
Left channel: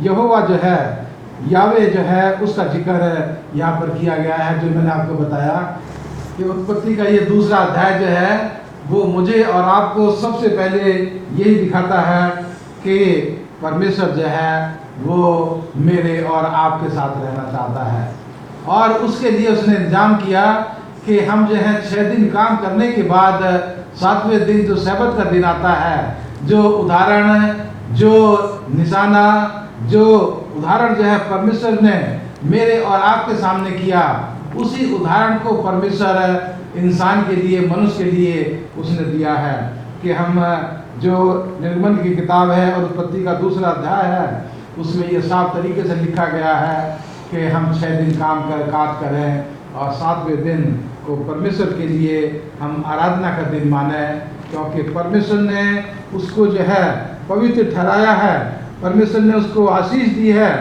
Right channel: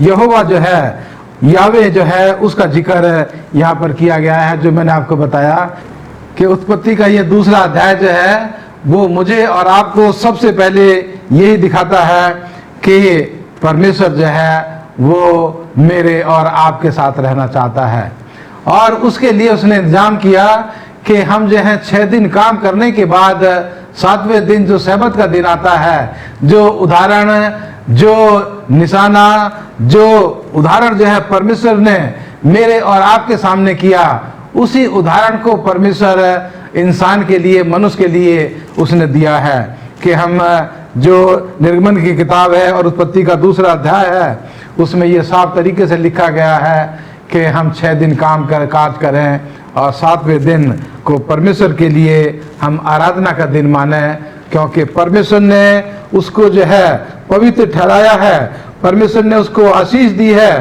यहोवा जो है, यावे जो है, उसका जिक्र यहाँ पर किया गया है। जो मैंने आपको बताया कि उत्पत्ति का ये दूसरा अध्याय जो है वो मुझे और आपको सबसे पहले यही दिखाता है कि परमेश्वर जो है वो मेरे और आपके साथ रहना चाहता है। और उसके लिए उसने इंतजाम किया कि हम जो है 6 दिन काम करने के बाद 7वें दिन जो सब्त का दिन आता है, जो उदाहरण, जो निशाना, जो उदाहरण जो है परमेश्वर ने मेरे और आपके सामने किया, उसी उदाहरण को परमेश्वर इंसान के लिए, मनुष्य के लिए उसने दिया है कि हम जो निर्गमन की किताब है और उत्पत्ति का दूसरा अध्याय है, उसमें ये साफ तरीके से लिखा गया है कि हम 6 दिन काज करें और 7वें दिन को परमेश्वर के लिए हम आराधना का दिन माने, क्योंकि परमेश्वर ने उसको जो है पवित्र ठहराया है, परमेश्वर ने उसको आशीष दी है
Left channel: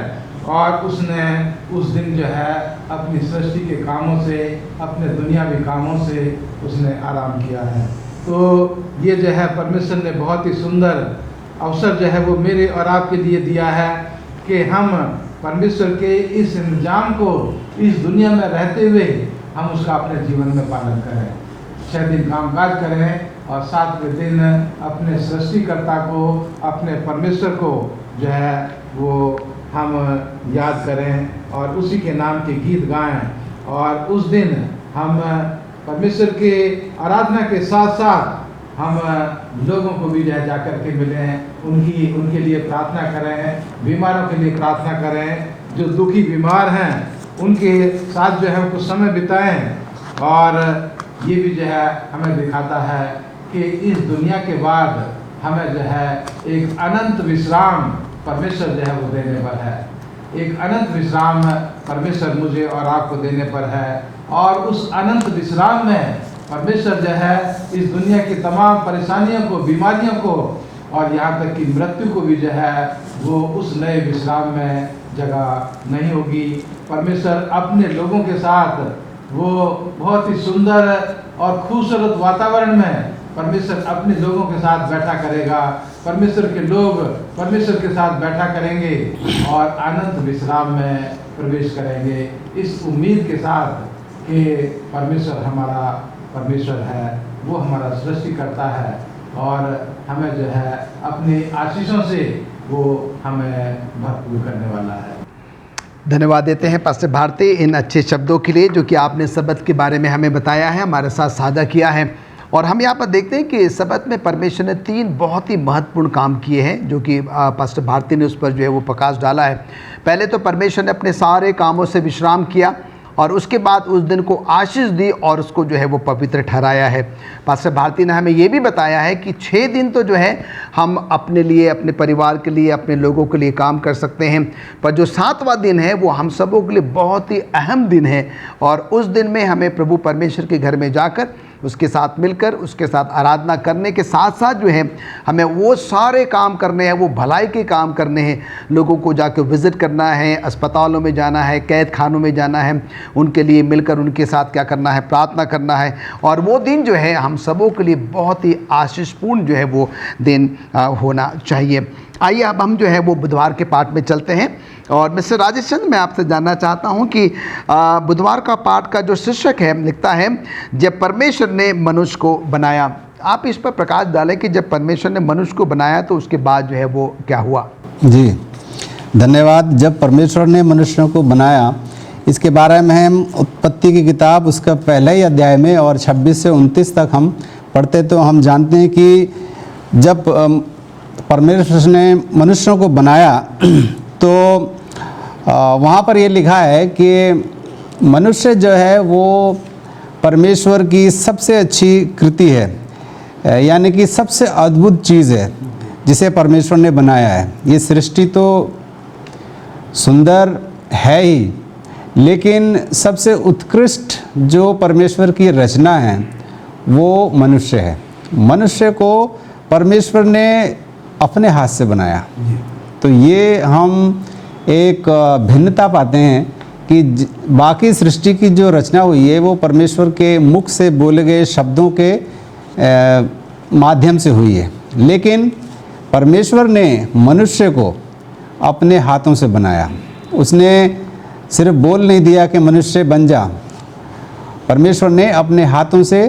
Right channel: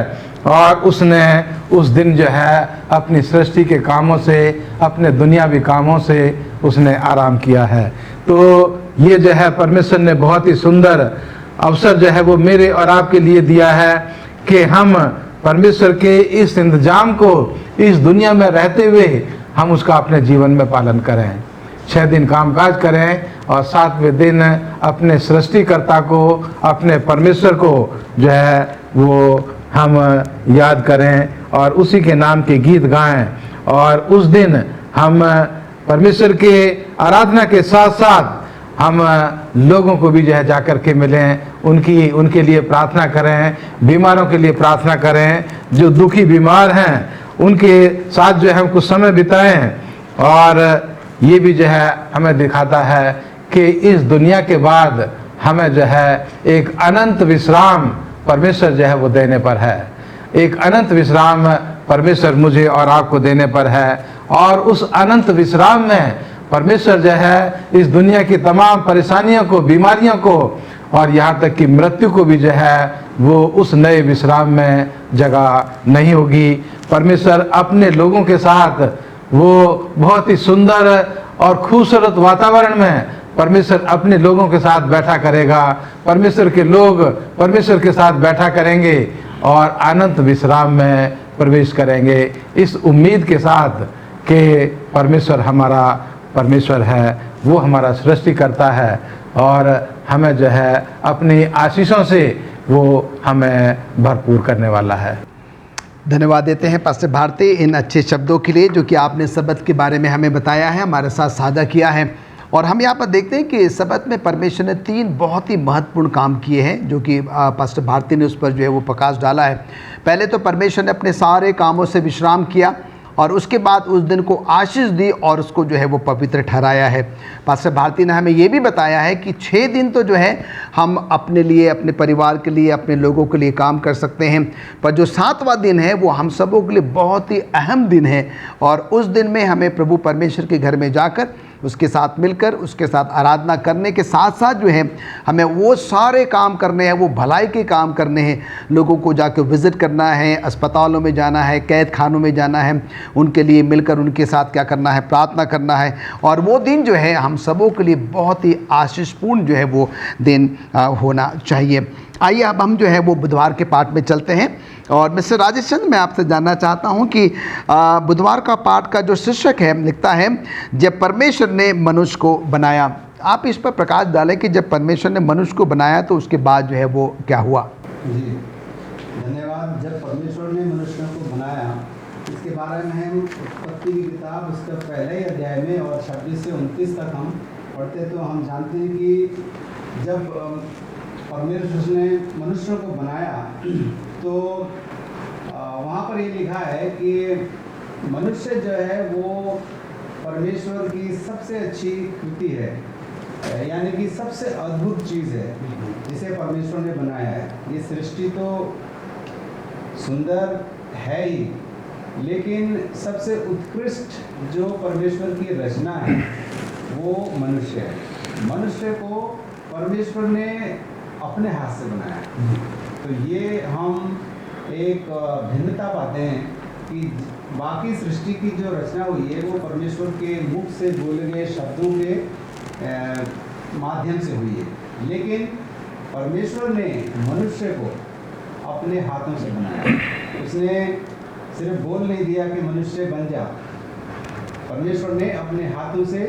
और उसने उस दिन जो है अपनी सृष्टि के कामों से, अपने दुनियावी कामों से उसने आराम किया है। तो ये जो है परमेश्वर ने बहुत ही सुंदर अवसर जो है वो मेरे और आपके लिए दिया है कि हम परमेश्वर के इस इंतजाम को इस दुनिया में रहते हुए हम उसका अपने जीवन में पालन करें। 6 दिन कामकाज करें और 7वें दिन अपने सृष्टिकर्ता को, अपने परमेश्वर को जो है वो हम याद करें और उसी के नाम के गीत गाएं। और उस दिन हम परमेश्वर के आराधना के साथ साथ हम लोगों को भी जो है जाकर के मिलें, उनके लिए प्रार्थना करें, बीमारों के लिए प्रार्थना करें, जो दुखी बीमार हैं उनके साथ जो है हम कुछ समय बिताएं। और ये भी जो है हमें दिखाता है कि इस दुनिया के बाद हमें जो है एक अनंत विश्राम परमेश्वर जो है वो देने पर है। एक अनंत विश्राम परमेश्वर मुझे और आपको देने पर है और उस अनंत विश्राम में परमेश्वर जो है इस दुनिया की तमाम परेशानियों को, बीमारियों को और यहाँ तक कि मृत्यु को भी जो है वो उस नए विश्राम में जगह नहीं होगी। परमेश्वर अपने लोगों के साथ वो बहुत ही सुंदर और खूबसूरत वातावरण में परमेश्वर अपने लोगों के साथ बैठा करेगा। परमेश्वर के लोग परमेश्वर के साथ बैठा करेंगे और अनंत विश्राम में प्रवेश करेंगे, इस उम्मीद के साथ कि परमेश्वर हमारा परमेश्वर है, वो हमारा सृष्टि करता है और हमें जो है अपनी आशीषों से वो हमें भरपूर करने वाला है। धन्यवाद देते हैं पास्टर भारती इन अच्छे शब्दों के लिए जो कि आपने सबत के बारे में हमें बताया है, हमारे साथ साझा किया है। और हम यहाँ पर देखते हैं कि सबत में परमेश्वर ने 3 बहुत ही महत्वपूर्ण काम किए हैं जो कि पास्टर भारती ने उस पर जो है वो प्रकाश डाला है। पहले तो परमेश्वर ने अपने सारे कामों से विश्राम किया और उसके बाद उस दिन को आशीष दी और उसको जो है वो पवित्र ठहराया है। पास्टर भारती ने हमें ये भी बताया है कि 6 दिन तो जो है हम अपने लिए, अपने परिवार के लिए, अपने लोगों के लिए काम कर सकते हैं, पर जो 7वां दिन है वो हम सबों के लिए बहुत ही अहम दिन है और उस दिन में हमें प्रभु परमेश्वर के घर में जाकर उसके साथ मिलकर उसके साथ आराधना करने के साथ साथ जो है हमें वो सारे काम करने हैं, वो भलाई के काम करने हैं। लोगों को जाकर विज़िट करना है, अस्पतालों में जाना है, कैद खानों में जाना है, उनके लिए मिलकर उनके साथ क्या करना है, प्रार्थना करना है। और वो दिन जो है हम सबों के लिए बहुत ही आशीषपूर्ण जो है वो दिन होना चाहिए। आइए अब हम जो है वो बुधवार के पाठ में चलते हैं और मिस्टर राजेश चंद्र, मैं आपसे जानना चाहता हूं कि बुधवार का पाठ का जो शीर्षक है लिखता है जब परमेश्वर ने मनुष्य को बनाया। आप इस पर प्रकाश डालें कि जब परमेश्वर ने मनुष्य को बनाया तो उसके बाद जो है वो क्या हुआ। जी धन्यवाद। जब परमेश्वर ने मनुष्यों को बनाया, इसके बारे में हम उत्पत्ति की किताब उसका पहले ही अध्याय में और 26 से 29 तक हम पढ़ते तो हम जानते हैं कि जब परमेश्वर ने मनुष्यों को बनाया तो वहाँ पर ये लिखा है कि मनुष्य जो है वो परमेश्वर की सबसे अच्छी कृति है, यानी कि सबसे अद्भुत चीज़ है जिसे परमेश्वर ने बनाया है। ये सृष्टि तो सुंदर है ही, लेकिन सबसे उत्कृष्ट जो परमेश्वर की रचना है वो मनुष्य है। मनुष्य को परमेश्वर ने अपने हाथ से बनाया। तो ये हम एक भिन्नता पाते हैं कि बाकी सृष्टि की जो रचना हुई है वो परमेश्वर के मुख से बोले गए शब्दों के माध्यम से हुई है, लेकिन परमेश्वर ने मनुष्य को अपने हाथों से बनाया। उसने सिर्फ बोल नहीं दिया कि मनुष्य बन जा, परमेश्वर ने अपने हाथों से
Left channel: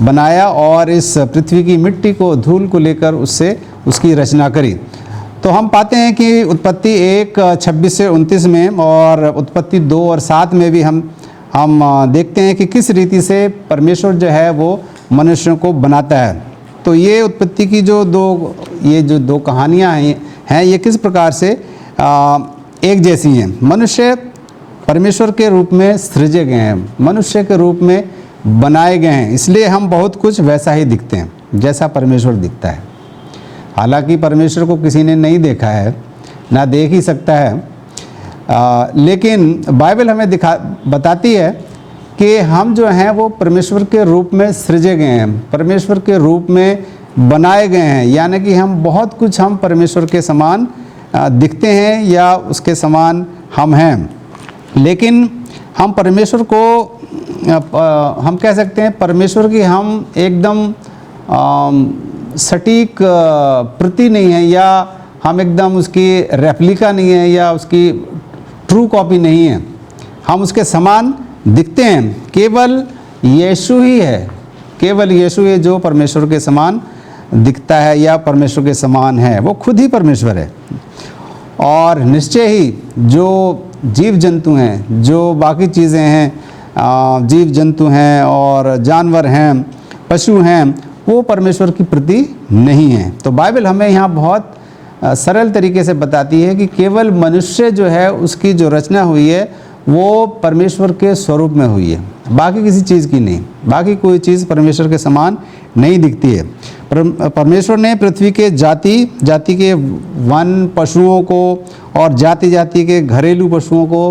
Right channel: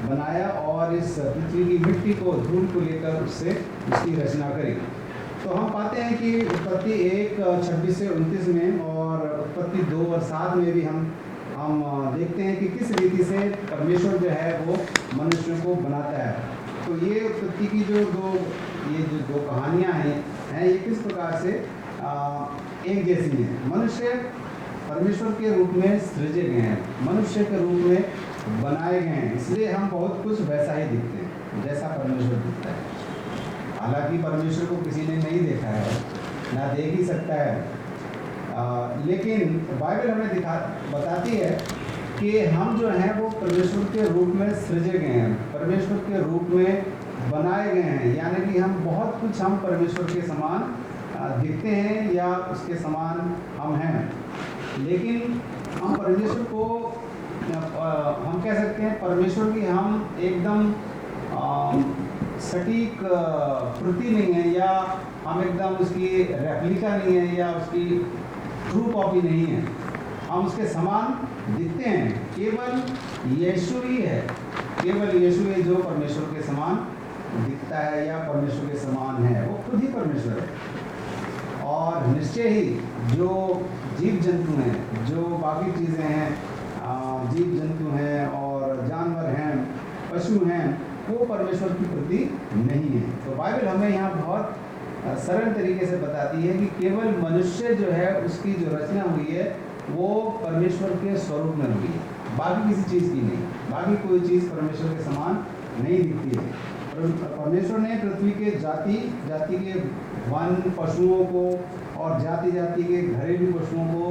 बनाया और इस पृथ्वी की मिट्टी को, धूल को लेकर उससे उसकी रचना करी। तो हम पाते हैं कि उत्पत्ति 1 26 से 29 में और उत्पत्ति 2 और 7 में भी हम देखते हैं कि किस रीति से परमेश्वर जो है वो मनुष्यों को बनाता है। तो ये उत्पत्ति की जो दो कहानियाँ हैं ये किस प्रकार से एक जैसी हैं। मनुष्य परमेश्वर के रूप में सृजे गए हैं, मनुष्य के रूप में बनाए गए हैं, इसलिए हम बहुत कुछ वैसा ही दिखते हैं जैसा परमेश्वर दिखता है। हालांकि परमेश्वर को किसी ने नहीं देखा है, ना देख ही सकता है, लेकिन बाइबल हमें बताती है कि हम जो हैं वो परमेश्वर के रूप में सृजे गए हैं, परमेश्वर के रूप में बनाए गए हैं, यानी कि हम बहुत कुछ हम परमेश्वर के समान दिखते हैं या उसके समान हम हैं। लेकिन हम परमेश्वर को हम कह सकते हैं परमेश्वर की हम एकदम सटीक प्रति नहीं है, या हम एकदम उसकी रेप्लिका नहीं है, या उसकी ट्रू कॉपी नहीं है। हम उसके समान दिखते हैं, केवल यीशु ही है, केवल यीशु है जो परमेश्वर के समान दिखता है या परमेश्वर के समान है, वो खुद ही परमेश्वर है। और निश्चय ही जो जीव जंतु हैं, जो बाकी चीज़ें हैं, जीव जंतु हैं और जानवर हैं, पशु हैं, वो परमेश्वर की प्रति नहीं हैं। तो बाइबल हमें यहाँ बहुत सरल तरीके से बताती है कि केवल मनुष्य जो है उसकी जो रचना हुई है वो परमेश्वर के स्वरूप में हुई है, बाकी किसी चीज़ की नहीं। बाकी कोई चीज़ परमेश्वर के समान नहीं दिखती है। परमेश्वर ने पृथ्वी के जाति जाति के वन पशुओं को और जाति जाति के घरेलू पशुओं को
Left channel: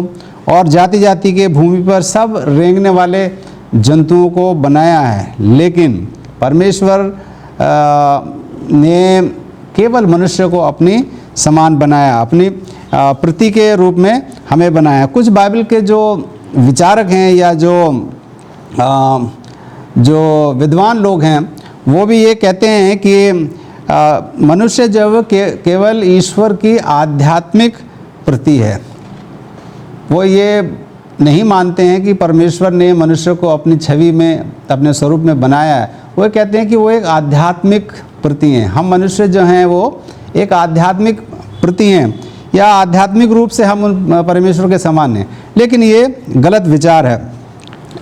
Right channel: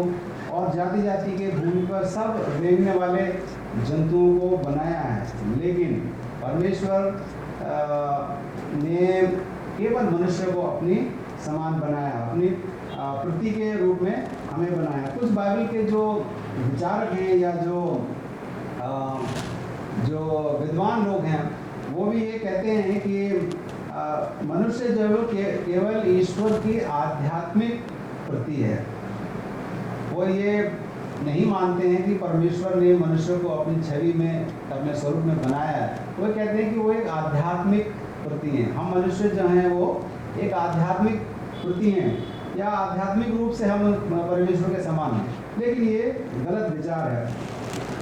और जाति जाति के भूमि पर सब रेंगने वाले जंतुओं को बनाया है, लेकिन परमेश्वर ने केवल मनुष्य को अपनी समान बनाया, अपनी प्रति के रूप में हमें बनाया। कुछ बाइबल के जो विचारक हैं या जो विद्वान लोग हैं वो भी ये कहते हैं कि मनुष्य जब केवल ईश्वर की आध्यात्मिक प्रति है। वो ये नहीं मानते हैं कि परमेश्वर ने मनुष्य को अपनी छवि में, अपने स्वरूप में बनाया है। वो कहते हैं कि वो एक आध्यात्मिक प्रति हैं। हम मनुष्य जो हैं वो एक आध्यात्मिक प्रति हैं, या आध्यात्मिक रूप से हम परमेश्वर के समान हैं। लेकिन ये गलत विचार है।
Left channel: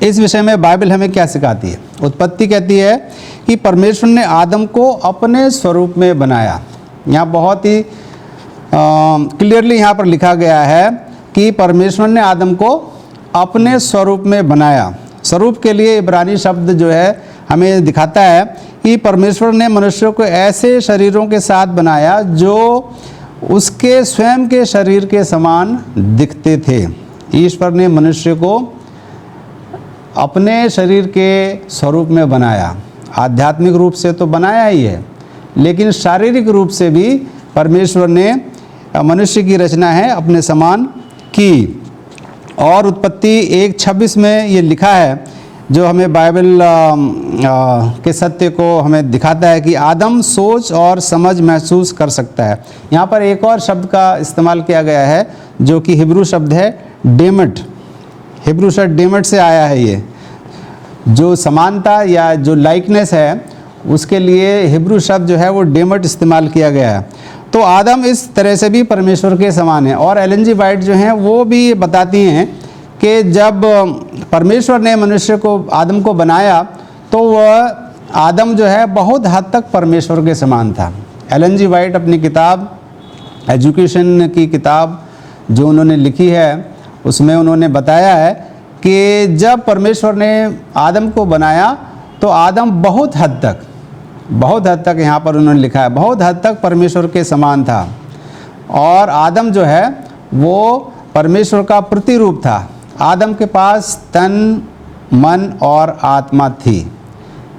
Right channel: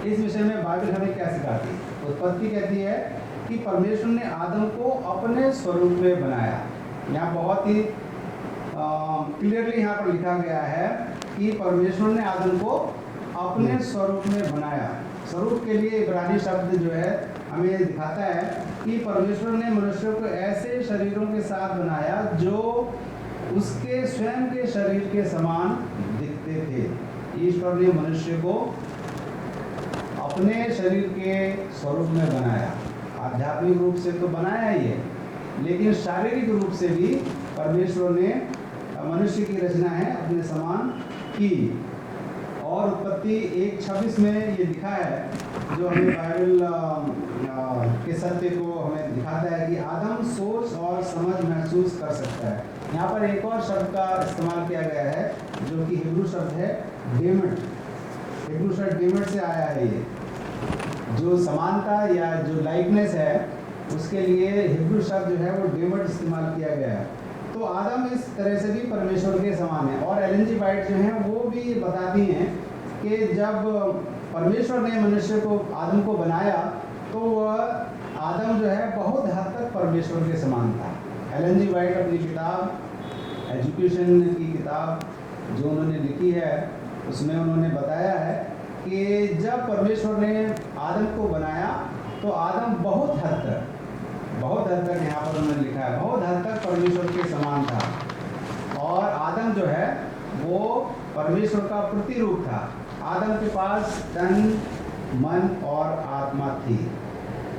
इस विषय में बाइबल हमें क्या सिखाती है? उत्पत्ति कहती है कि परमेश्वर ने आदम को अपने स्वरूप में बनाया। यहाँ बहुत ही क्लियरली यहाँ पर लिखा गया है कि परमेश्वर ने आदम को अपने स्वरूप में बनाया। स्वरूप के लिए इब्रानी शब्द जो है हमें दिखाता है कि परमेश्वर ने मनुष्य को ऐसे शरीरों के साथ बनाया जो उसके स्वयं के शरीर के समान दिखते थे। ईश्वर ने मनुष्य को अपने शरीर के स्वरूप में बनाया। आध्यात्मिक रूप से तो बनाया ही है, लेकिन शारीरिक रूप से भी परमेश्वर ने मनुष्य की रचना है अपने समान की। और उत्पत्ति 1:26 में ये लिखा है, जो हमें बाइबल के सत्य को हमें दिखाता है कि आदम सोच और समझ महसूस कर सकता है। यहाँ पर एक और शब्द का इस्तेमाल किया गया है जो कि हिब्रू शब्द है डेमट। हिब्रू शब्द डेमट से आया है। ये जो समानता या जो लाइकनेस है उसके लिए हिब्रू शब्द जो है वो डेमट इस्तेमाल किया गया है। तो आदम इस तरह से भी परमेश्वर के समान है। और एलन जी वाइट जो हैं वो भी बताती हैं कि जब परमेश्वर ने मनुष्य को, आदम को बनाया, तो वह आदम जो है बहुत हद तक परमेश्वर के समान था। एलन जी वाइट अपनी किताब, एजुकेशन की किताब जो उन्होंने लिखी है, उसमें उन्होंने बताया है कि जब परमेश्वर ने आदम को बनाया तो आदम बहुत हद तक यहाँ पर उन्होंने लिखा है, बहुत हद तक परमेश्वर के समान था। और आदम जो है वो परमेश्वर का प्रतिरूप था। आदम के पास तन, मन और आत्मा थी।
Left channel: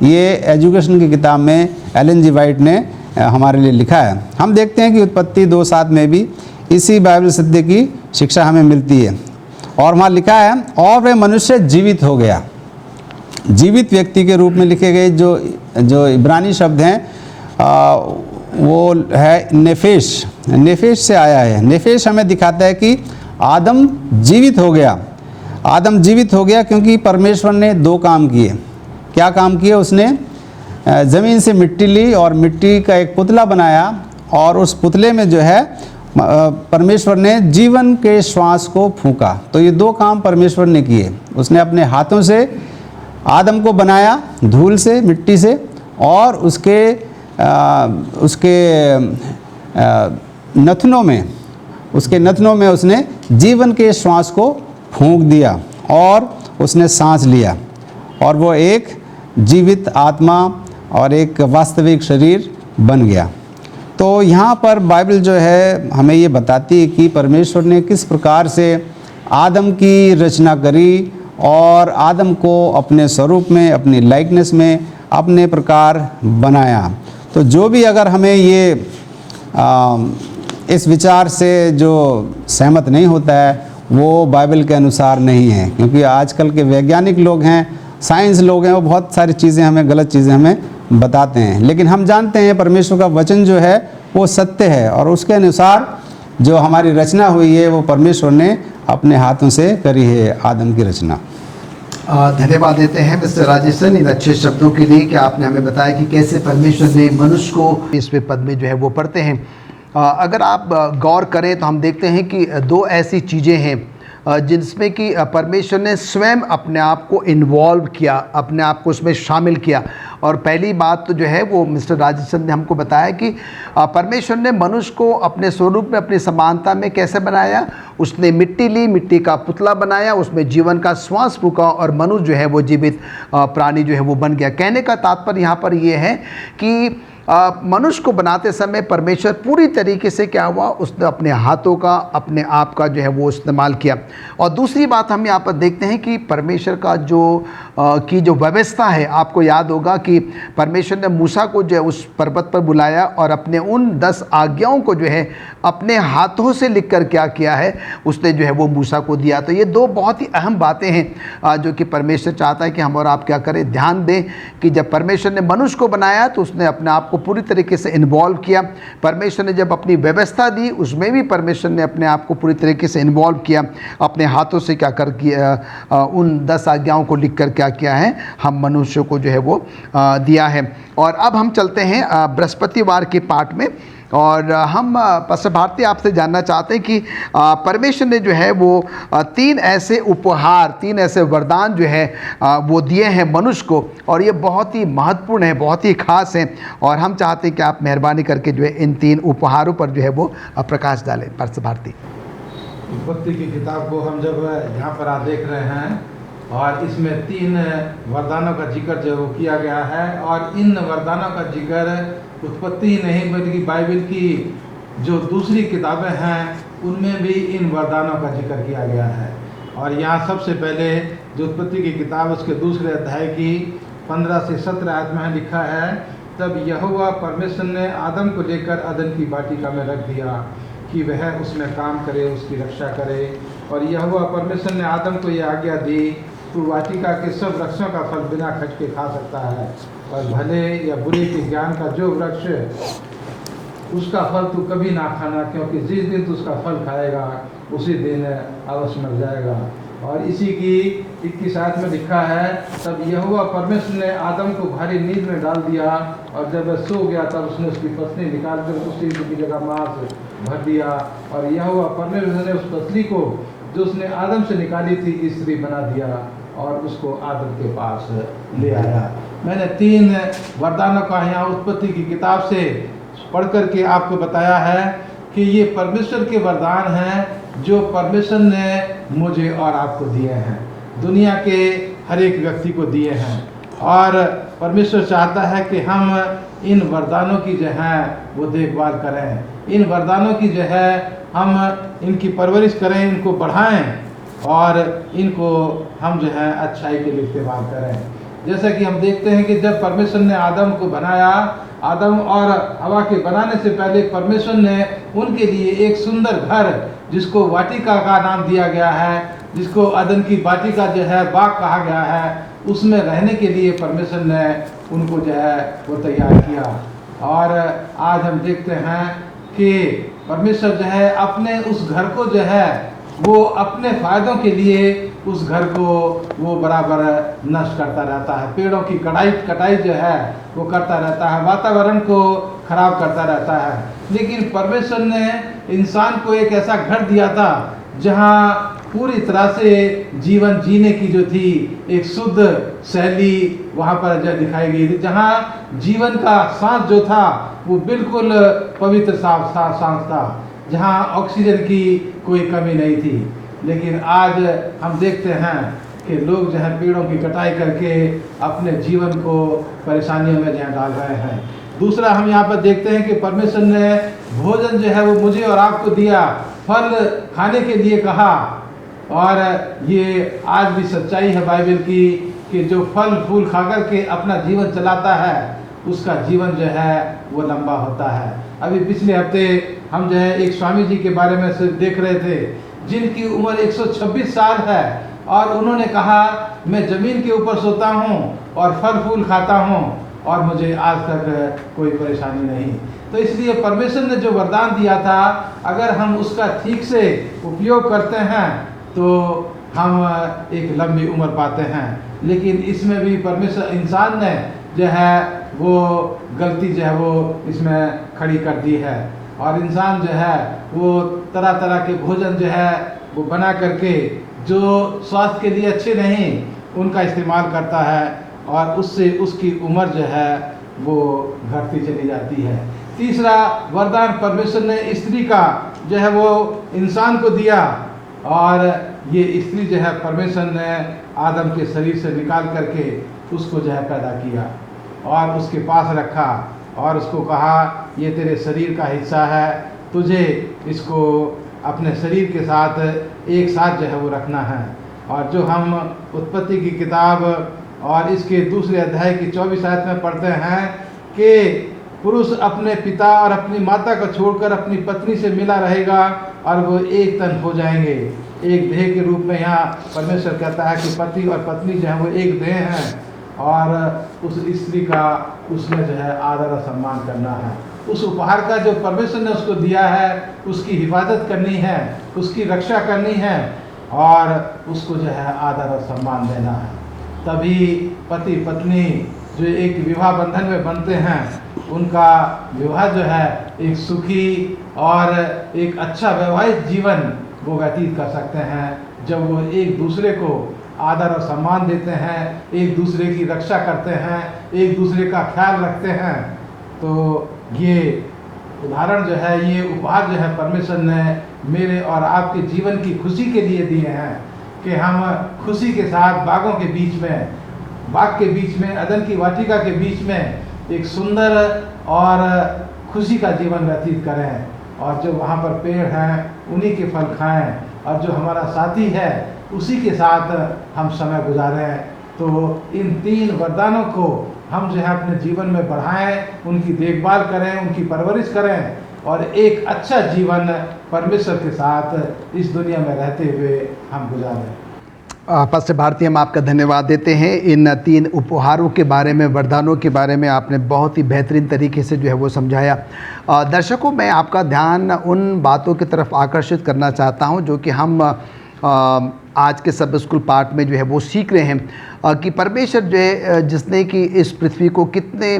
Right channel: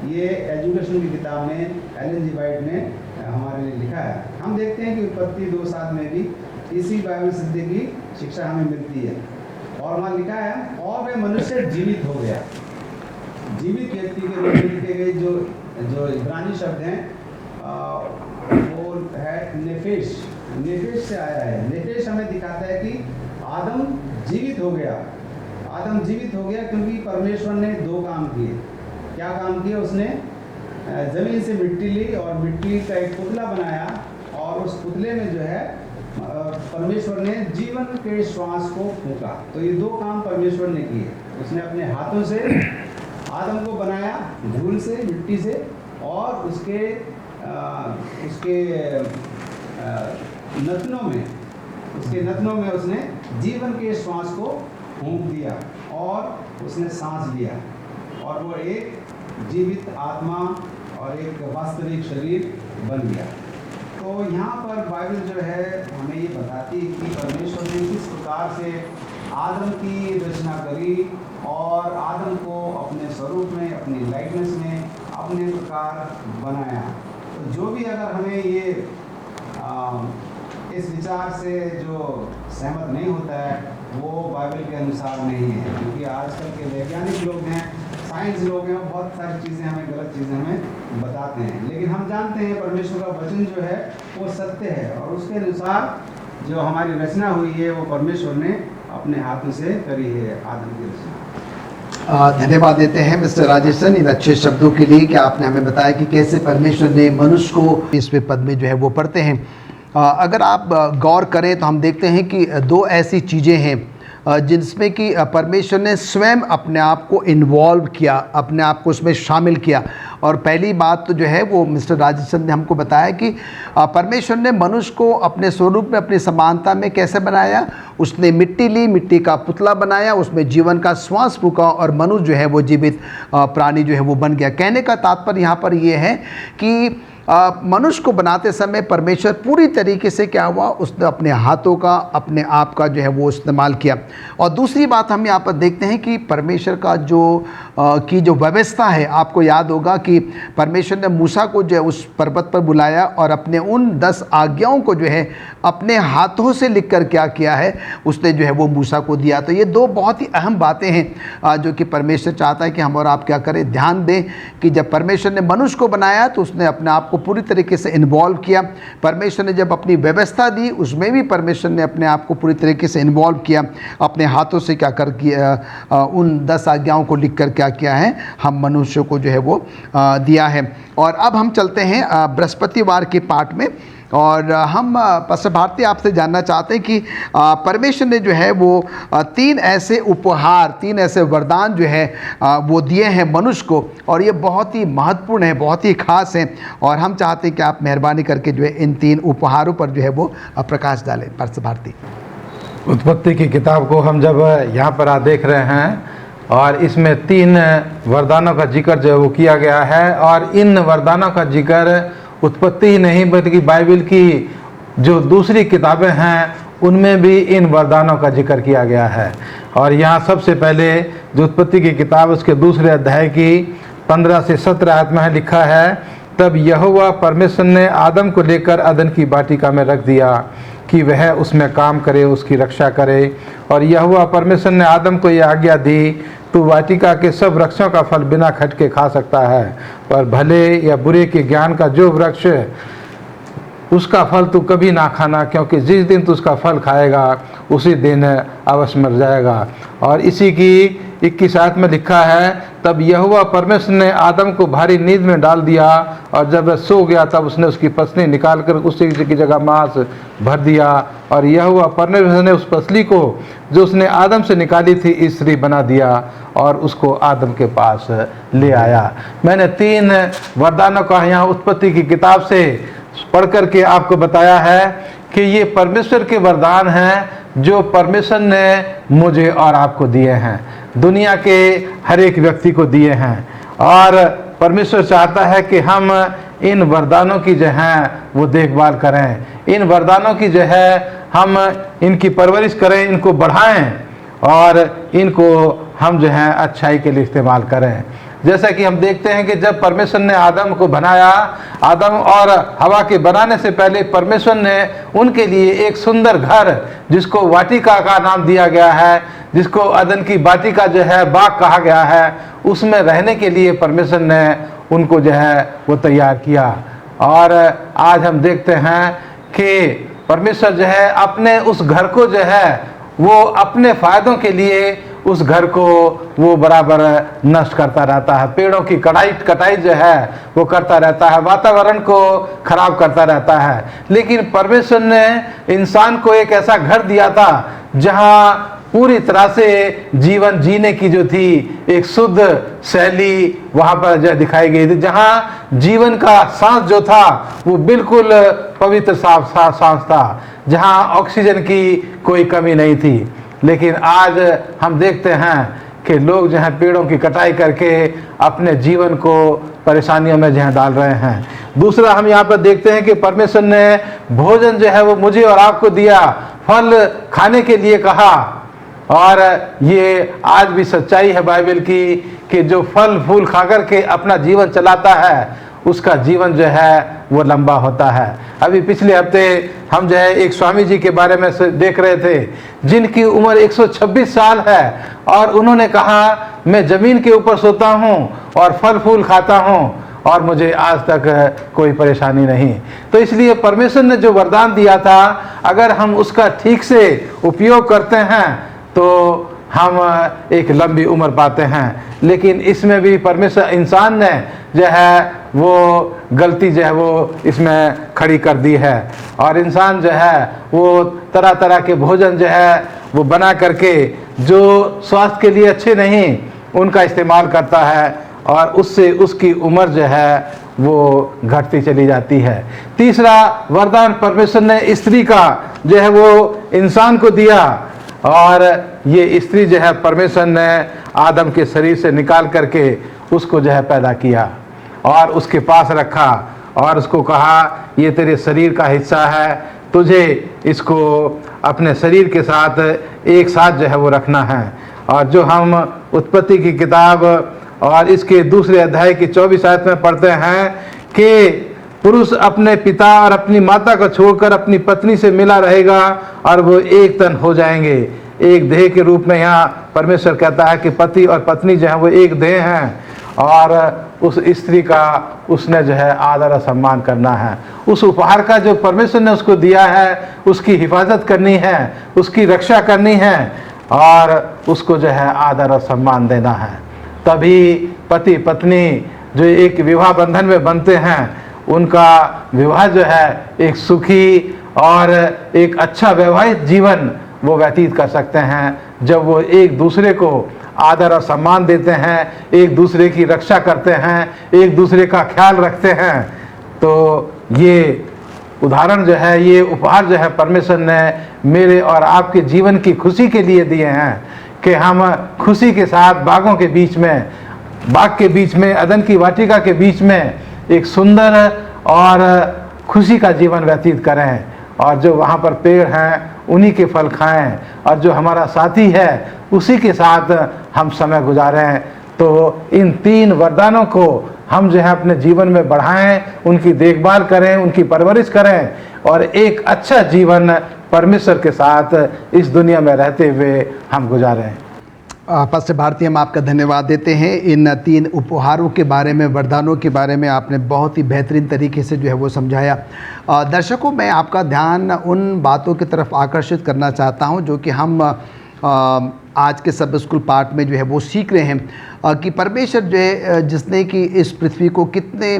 ये एजुकेशन की किताब में एलन जी वाइट ने हमारे लिए लिखा है। हम देखते हैं कि उत्पत्ति 2:7 में भी इसी बाइबल सत्य की शिक्षा हमें मिलती है। और वहाँ लिखा है, और वह मनुष्य जीवित हो गया। जीवित व्यक्ति के रूप में लिखे गए जो इब्रानी शब्द हैं वो है नेफेश। नेफेश से आया है। नेफेश हमें दिखाता है कि आदम जीवित हो गया। आदम जीवित हो गया क्योंकि परमेश्वर ने 2 काम किए। क्या काम किए? उसने ज़मीन से मिट्टी ली और मिट्टी का एक पुतला बनाया, और उस पुतले में जो है परमेश्वर ने जीवन के श्वास को फूंका। तो ये 2 काम परमेश्वर ने किए। उसने अपने हाथों से आदम को बनाया, धूल से, मिट्टी से, और उसके नथनों में उसने जीवन के श्वास को फूंक दिया और उसने सांस लिया और वो एक जीवित आत्मा और एक वास्तविक शरीर बन गया। तो यहाँ पर बाइबल जो है हमें ये बताती है कि परमेश्वर ने किस प्रकार से आदम की रचना करी और आदम को अपने स्वरूप में, अपनी लाइकनेस में, अपने प्रकार बनाया। तो जो भी अगर हमें ये इस विचार से जो सहमत नहीं होता है वो बाइबल के अनुसार नहीं है, क्योंकि आजकल के वैज्ञानिक लोग हैं, साइंस लोग हैं, वो बहुत सारी चीज़ें हमें, गलत चीज़ें हमें बताते हैं। लेकिन हम जानते हैं परमेश्वर का वचन जो है वो सत्य है और उसके अनुसार जो हमारी रचना हुई है वो परमेश्वर ने अपने हाथों से करी है, आदम की रचना। धन्यवाद देते हैं मिस्टर राजेशन इन अच्छे शब्दों के लिए कि आपने हमें बताया कि कैसे परमेश्वर ने मनुष्य को इसमें पद में जो है वो पढ़ते हैं। अगर आप गौर करें तो हम देखते हैं कि दो ऐसी चीज़ें हैं जिसमें कि परमेश्वर ने स्वयं अपने आप को इन्वॉल्व किया, अपने आप को उसमें शामिल किया। और पहली बात तो जो है वो मिस्टर राजेशन ने हमको बताया कि परमेश्वर ने मनुष्य को अपने स्वरूप में, अपनी समानता में कैसे बनाया। उसने मिट्टी ली, मिट्टी का पुतला बनाया, उसमें जीवन का श्वास फूंका और मनुष्य जो है वो जीवित प्राणी जो है वो बन गया। कहने का तात्पर्य यहाँ पर ये है कि मनुष्य को बनाते समय परमेश्वर पूरी तरीके से क्या हुआ, उसने अपने हाथों का, अपने आप का जो है वो इस्तेमाल किया। और दूसरी बात हम यहाँ पर देखते हैं कि परमेश्वर का जो व्यवस्था है, आपको याद होगा कि परमेश्वर ने मूसा को जो है उस पर्वत पर बुलाया और अपने उन 10 आज्ञाओं को जो है अपने हाथों से लिखकर क्या किया है, उसने जो है वो मूसा को दिया। तो ये दो बहुत ही अहम बातें हैं जो कि परमेश्वर चाहता है कि हम और आप क्या करें, ध्यान दें कि जब परमेश्वर ने मनुष्य को बनाया तो उसने अपने आप को पूरी तरीके से इन्वॉल्व किया। परमेश्वर ने जब अपनी व्यवस्था दी उसमें भी परमेश्वर ने अपने आप को पूरी तरीके से इन्वॉल्व किया, अपने हाथों से क्या कर किया, उन 10 आज्ञाओं को लिखकर क्या किया है, हम मनुष्य को जो है वो दिया है। और अब हम चलते हैं बृहस्पतिवार के पाठ में और हम पास्टर भारती आपसे जानना चाहते हैं कि परमेश्वर ने जो है वो 3 ऐसे उपहार, 3 ऐसे वरदान जो है वो दिए हैं मनुष्य को और ये बहुत ही महत्वपूर्ण है, बहुत ही खास हैं। और हम चाहते हैं कि आप मेहरबानी करके जो है इन 3 उपहारों पर जो है वो प्रकाश डालें। पास्टर भारती। उत्पत्ति की किताब को हम जब यहाँ पर देख रहे हैं और इसमें 3 वरदानों का जिक्र जो वो किया गया है और इन वरदानों का जिक्र उत्पत्ति ही नहीं बल्कि बाइबल की जो दूसरी किताबें हैं उनमें भी इन वरदानों का जिक्र किया गया है। और यहाँ सबसे पहले जो उत्पत्ति की किताब उसके दूसरे अध्याय की 15 से 17 आयत में लिखा है, तब यहोवा परमेश्वर ने आदम को लेकर अदन की वाटिका में रख दिया कि वह उसमें काम करे, उसकी रक्षा करे। और यहोवा परमेश्वर ने आदम को यह आज्ञा दी, तू वाटिका के सब वृक्षों का फल बिना खटके खा सकता है, पर भले या बुरे के ज्ञान का जो वृक्ष उसका फल तू कभी ना खाना, क्योंकि जिस दिन तू उसका फल खाएगा उसी दिन अवश्य मर जाएगा। और इसी की 21 आयत में लिखा है, तब यहोवा परमेश्वर ने आदम को भारी नींद में डाल दिया और जब वह सो गया तब उसने उसकी पसली निकालकर उसी की जगह मांस भर दिया। और यहोवा परमेश्वर ने उस पसली को जो उसने आदम से निकाली थी स्त्री बना दिया और उसको आदम के पास ले आया। मैंने 3 वरदानों का यहाँ उत्पत्ति की किताब से पढ़ करके आपको बताया है कि ये परमेश्वर के वरदान हैं जो परमेश्वर ने मुझे और आपको दिए हैं, दुनिया के हर एक व्यक्ति को दिए हैं। और परमेश्वर चाहता है कि हम इन वरदानों की जो है वो देखभाल करें, इन वरदानों की जो है हम इनकी परवरिश करें, इनको बढ़ाएं और इनको हम जो है अच्छाई के लिए इस्तेमाल करें। जैसा कि हम देखते हैं कि जब परमेश्वर ने आदम को बनाया, आदम और हवा के बनाने से पहले परमेश्वर ने उनके लिए एक सुंदर घर जिसको वाटिका का नाम दिया गया है, जिसको अदन की वाटिका जो है बाग कहा गया है, उसमें रहने के लिए परमेश्वर ने उनको जो है वो तैयार किया। और आज हम देखते हैं कि परमेश्वर जो है अपने उस घर को जो है वो अपने फायदों के लिए उस घर को वो बराबर नष्ट करता रहता है, पेड़ों की कटाई जो है वो करता रहता है, वातावरण को खराब करता रहता है। लेकिन परमेश्वर ने इंसान को एक ऐसा घर दिया था जहां पूरी तरह से जीवन जीने की जो थी एक शुद्ध शैली वहां पर जो दिखाई गई थी, जहां जीवन का सांस जो था वो बिल्कुल पवित्र सांस था, जहां ऑक्सीजन की कोई कमी नहीं थी। लेकिन आज हम देखते हैं कि लोग जो है पेड़ों की कटाई करके अपने जीवन को परेशानियों में जो है डाल रहे हैं। दूसरा हम यहाँ पर देखते हैं कि परमेश्वर ने भोजन जो है वो मुझे और आपको दिया, फल खाने के लिए कहा। और ये आज भी सच्चाई है बाइबल की कि जो फल फूल खा कर के अपना जीवन चलाता है उसका जीवन जो है वो लंबा होता है। अभी पिछले हफ्ते हम जो है एक स्वामी जी के बारे में देख रहे थे जिनकी उम्र 126 साल है और उन्होंने कहा मैं ज़मीन के ऊपर सोता हूँ और फल फूल खाता हूँ और मुझे आज तक कोई परेशानी नहीं। तो इसलिए परमेश्वर ने जो वरदान दिया था अगर हम उसका ठीक से उपयोग करते हैं तो हम एक लंबी उम्र पाते हैं। लेकिन इसमें भी परमेश्वर इंसान ने जो है वो गलती जो है वो इसमें खड़ी कर दी है और इंसान जो है वो तरह तरह के भोजन जो है वो बना करके जो स्वास्थ्य के लिए अच्छे नहीं उनका इस्तेमाल करता है और उससे उसकी उम्र जो है वो घटती चली जाती है। तीसरा वरदान परमेश्वर ने स्त्री का जो है वो इंसान को दिया और ये स्त्री जो है परमेश्वर ने आदम के शरीर से निकाल करके उसको जो है पैदा किया और उसके पास रखा और उसको कहा ये तेरे शरीर का हिस्सा है, तुझे इसको अपने शरीर के साथ एक साथ जो है वो रखना है। और जो हम उत्पत्ति की किताब और इसके दूसरे अध्याय की 24 आयत में पढ़ते हैं कि पुरुष अपने पिता और अपनी माता को छोड़कर अपनी पत्नी से मिला रहेगा और वो एक तन हो जाएंगे। एक देह के रूप में यहाँ परमेश्वर कहता है कि पति और पत्नी जो है वो एक देह हैं और उस स्त्री का उसने जो है आदर और सम्मान करना है। उस उपहार का जो परमेश्वर ने उसको दिया है उसकी हिफाजत करनी है, उसकी रक्षा करनी है और उसको जो है आदर और सम्मान देना है। तभी पति पत्नी जो एक विवाह बंधन में बनते हैं उनका विवाह जो है एक सुखी और एक अच्छा वैवाहिक जीवन वो व्यतीत कर सकते हैं जब वो एक दूसरे को आदर और सम्मान देते हैं, एक दूसरे की रक्षा करते हैं, एक दूसरे का ख्याल रखते हैं। तो ये उदाहरण जो है ये उपहार जो है परमेश्वर ने मेरे और आपके जीवन की खुशी के लिए दिए हैं कि हम खुशी के साथ बागों के बीच में, बाग के बीच में, अदन की वाटिका के बीच में एक सुंदर और खुशी का जीवन व्यतीत करें और जो वहाँ पर पेड़ हैं उन्हीं के फल खाएं और जो हमारा साथी है उसी के साथ हम समय गुजारें। तो इन 3 वरदानों को हम जो है अपने जीवन में बढ़ाएं, उनकी देखभाल करें, उनकी परवरिश करें और एक अच्छा जीवन परमेश्वर के साथ इस दुनिया में रहते हुए हम गुजारें। पास्टर भारती हम आपका धन्यवाद देते हैं। इन 3 उपहारों के बारे में, वरदानों के बारे में आपने बहुत ही बेहतरीन तरीके से जो है वो समझाया। दर्शकों, मैं आपका ध्यान उन बातों की तरफ आकर्षित करना चाहता हूं जो कि हम आज के सब स्कूल पाठ में जो है वो सीख रहे हैं कि परमेश्वर जो है जिसने कि इस पृथ्वी को कितने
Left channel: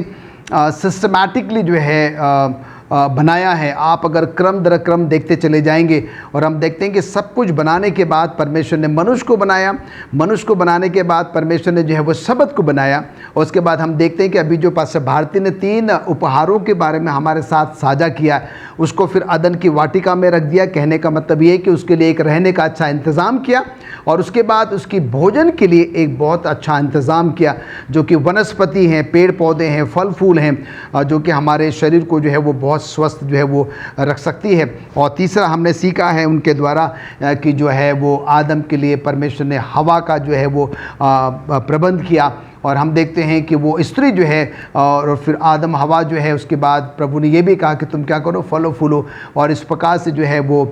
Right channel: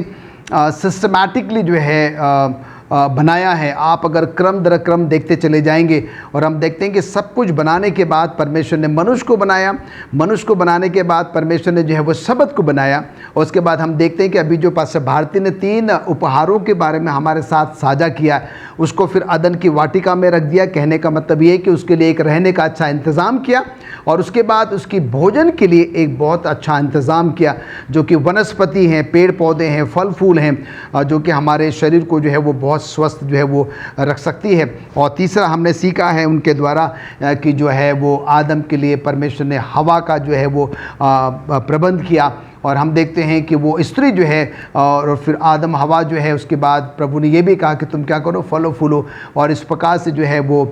सिस्टमैटिकली जो है बनाया है। आप अगर क्रम दर क्रम देखते चले जाएंगे और हम देखते हैं कि सब कुछ बनाने के बाद परमेश्वर ने मनुष्य को बनाया, मनुष्य को बनाने के बाद परमेश्वर ने जो है वो शब्द को बनाया और उसके बाद हम देखते हैं कि अभी जो पास्टर भारती ने 3 उपहारों के बारे में हमारे साथ साझा किया, उसको फिर अदन की वाटिका में रख दिया। कहने का मतलब ये है कि उसके लिए एक रहने का अच्छा इंतज़ाम किया और उसके बाद उसकी भोजन के लिए एक बहुत अच्छा इंतज़ाम किया जो कि वनस्पति हैं, पेड़ पौधे हैं, फल फूल हैं जो कि हमारे शरीर को जो है वो बहुत स्वस्थ जो है वो रख सकती है। और तीसरा हमने सीखा है उनके द्वारा कि जो है वो आदम के लिए परमेश्वर ने हवा का जो है वो प्रबंध किया और हम देखते हैं कि वो स्त्री जो है और फिर आदम हवा जो है उसके बाद प्रभु ने ये भी कहा कि तुम क्या करो, फलो फूलो और इस प्रकार से जो है वो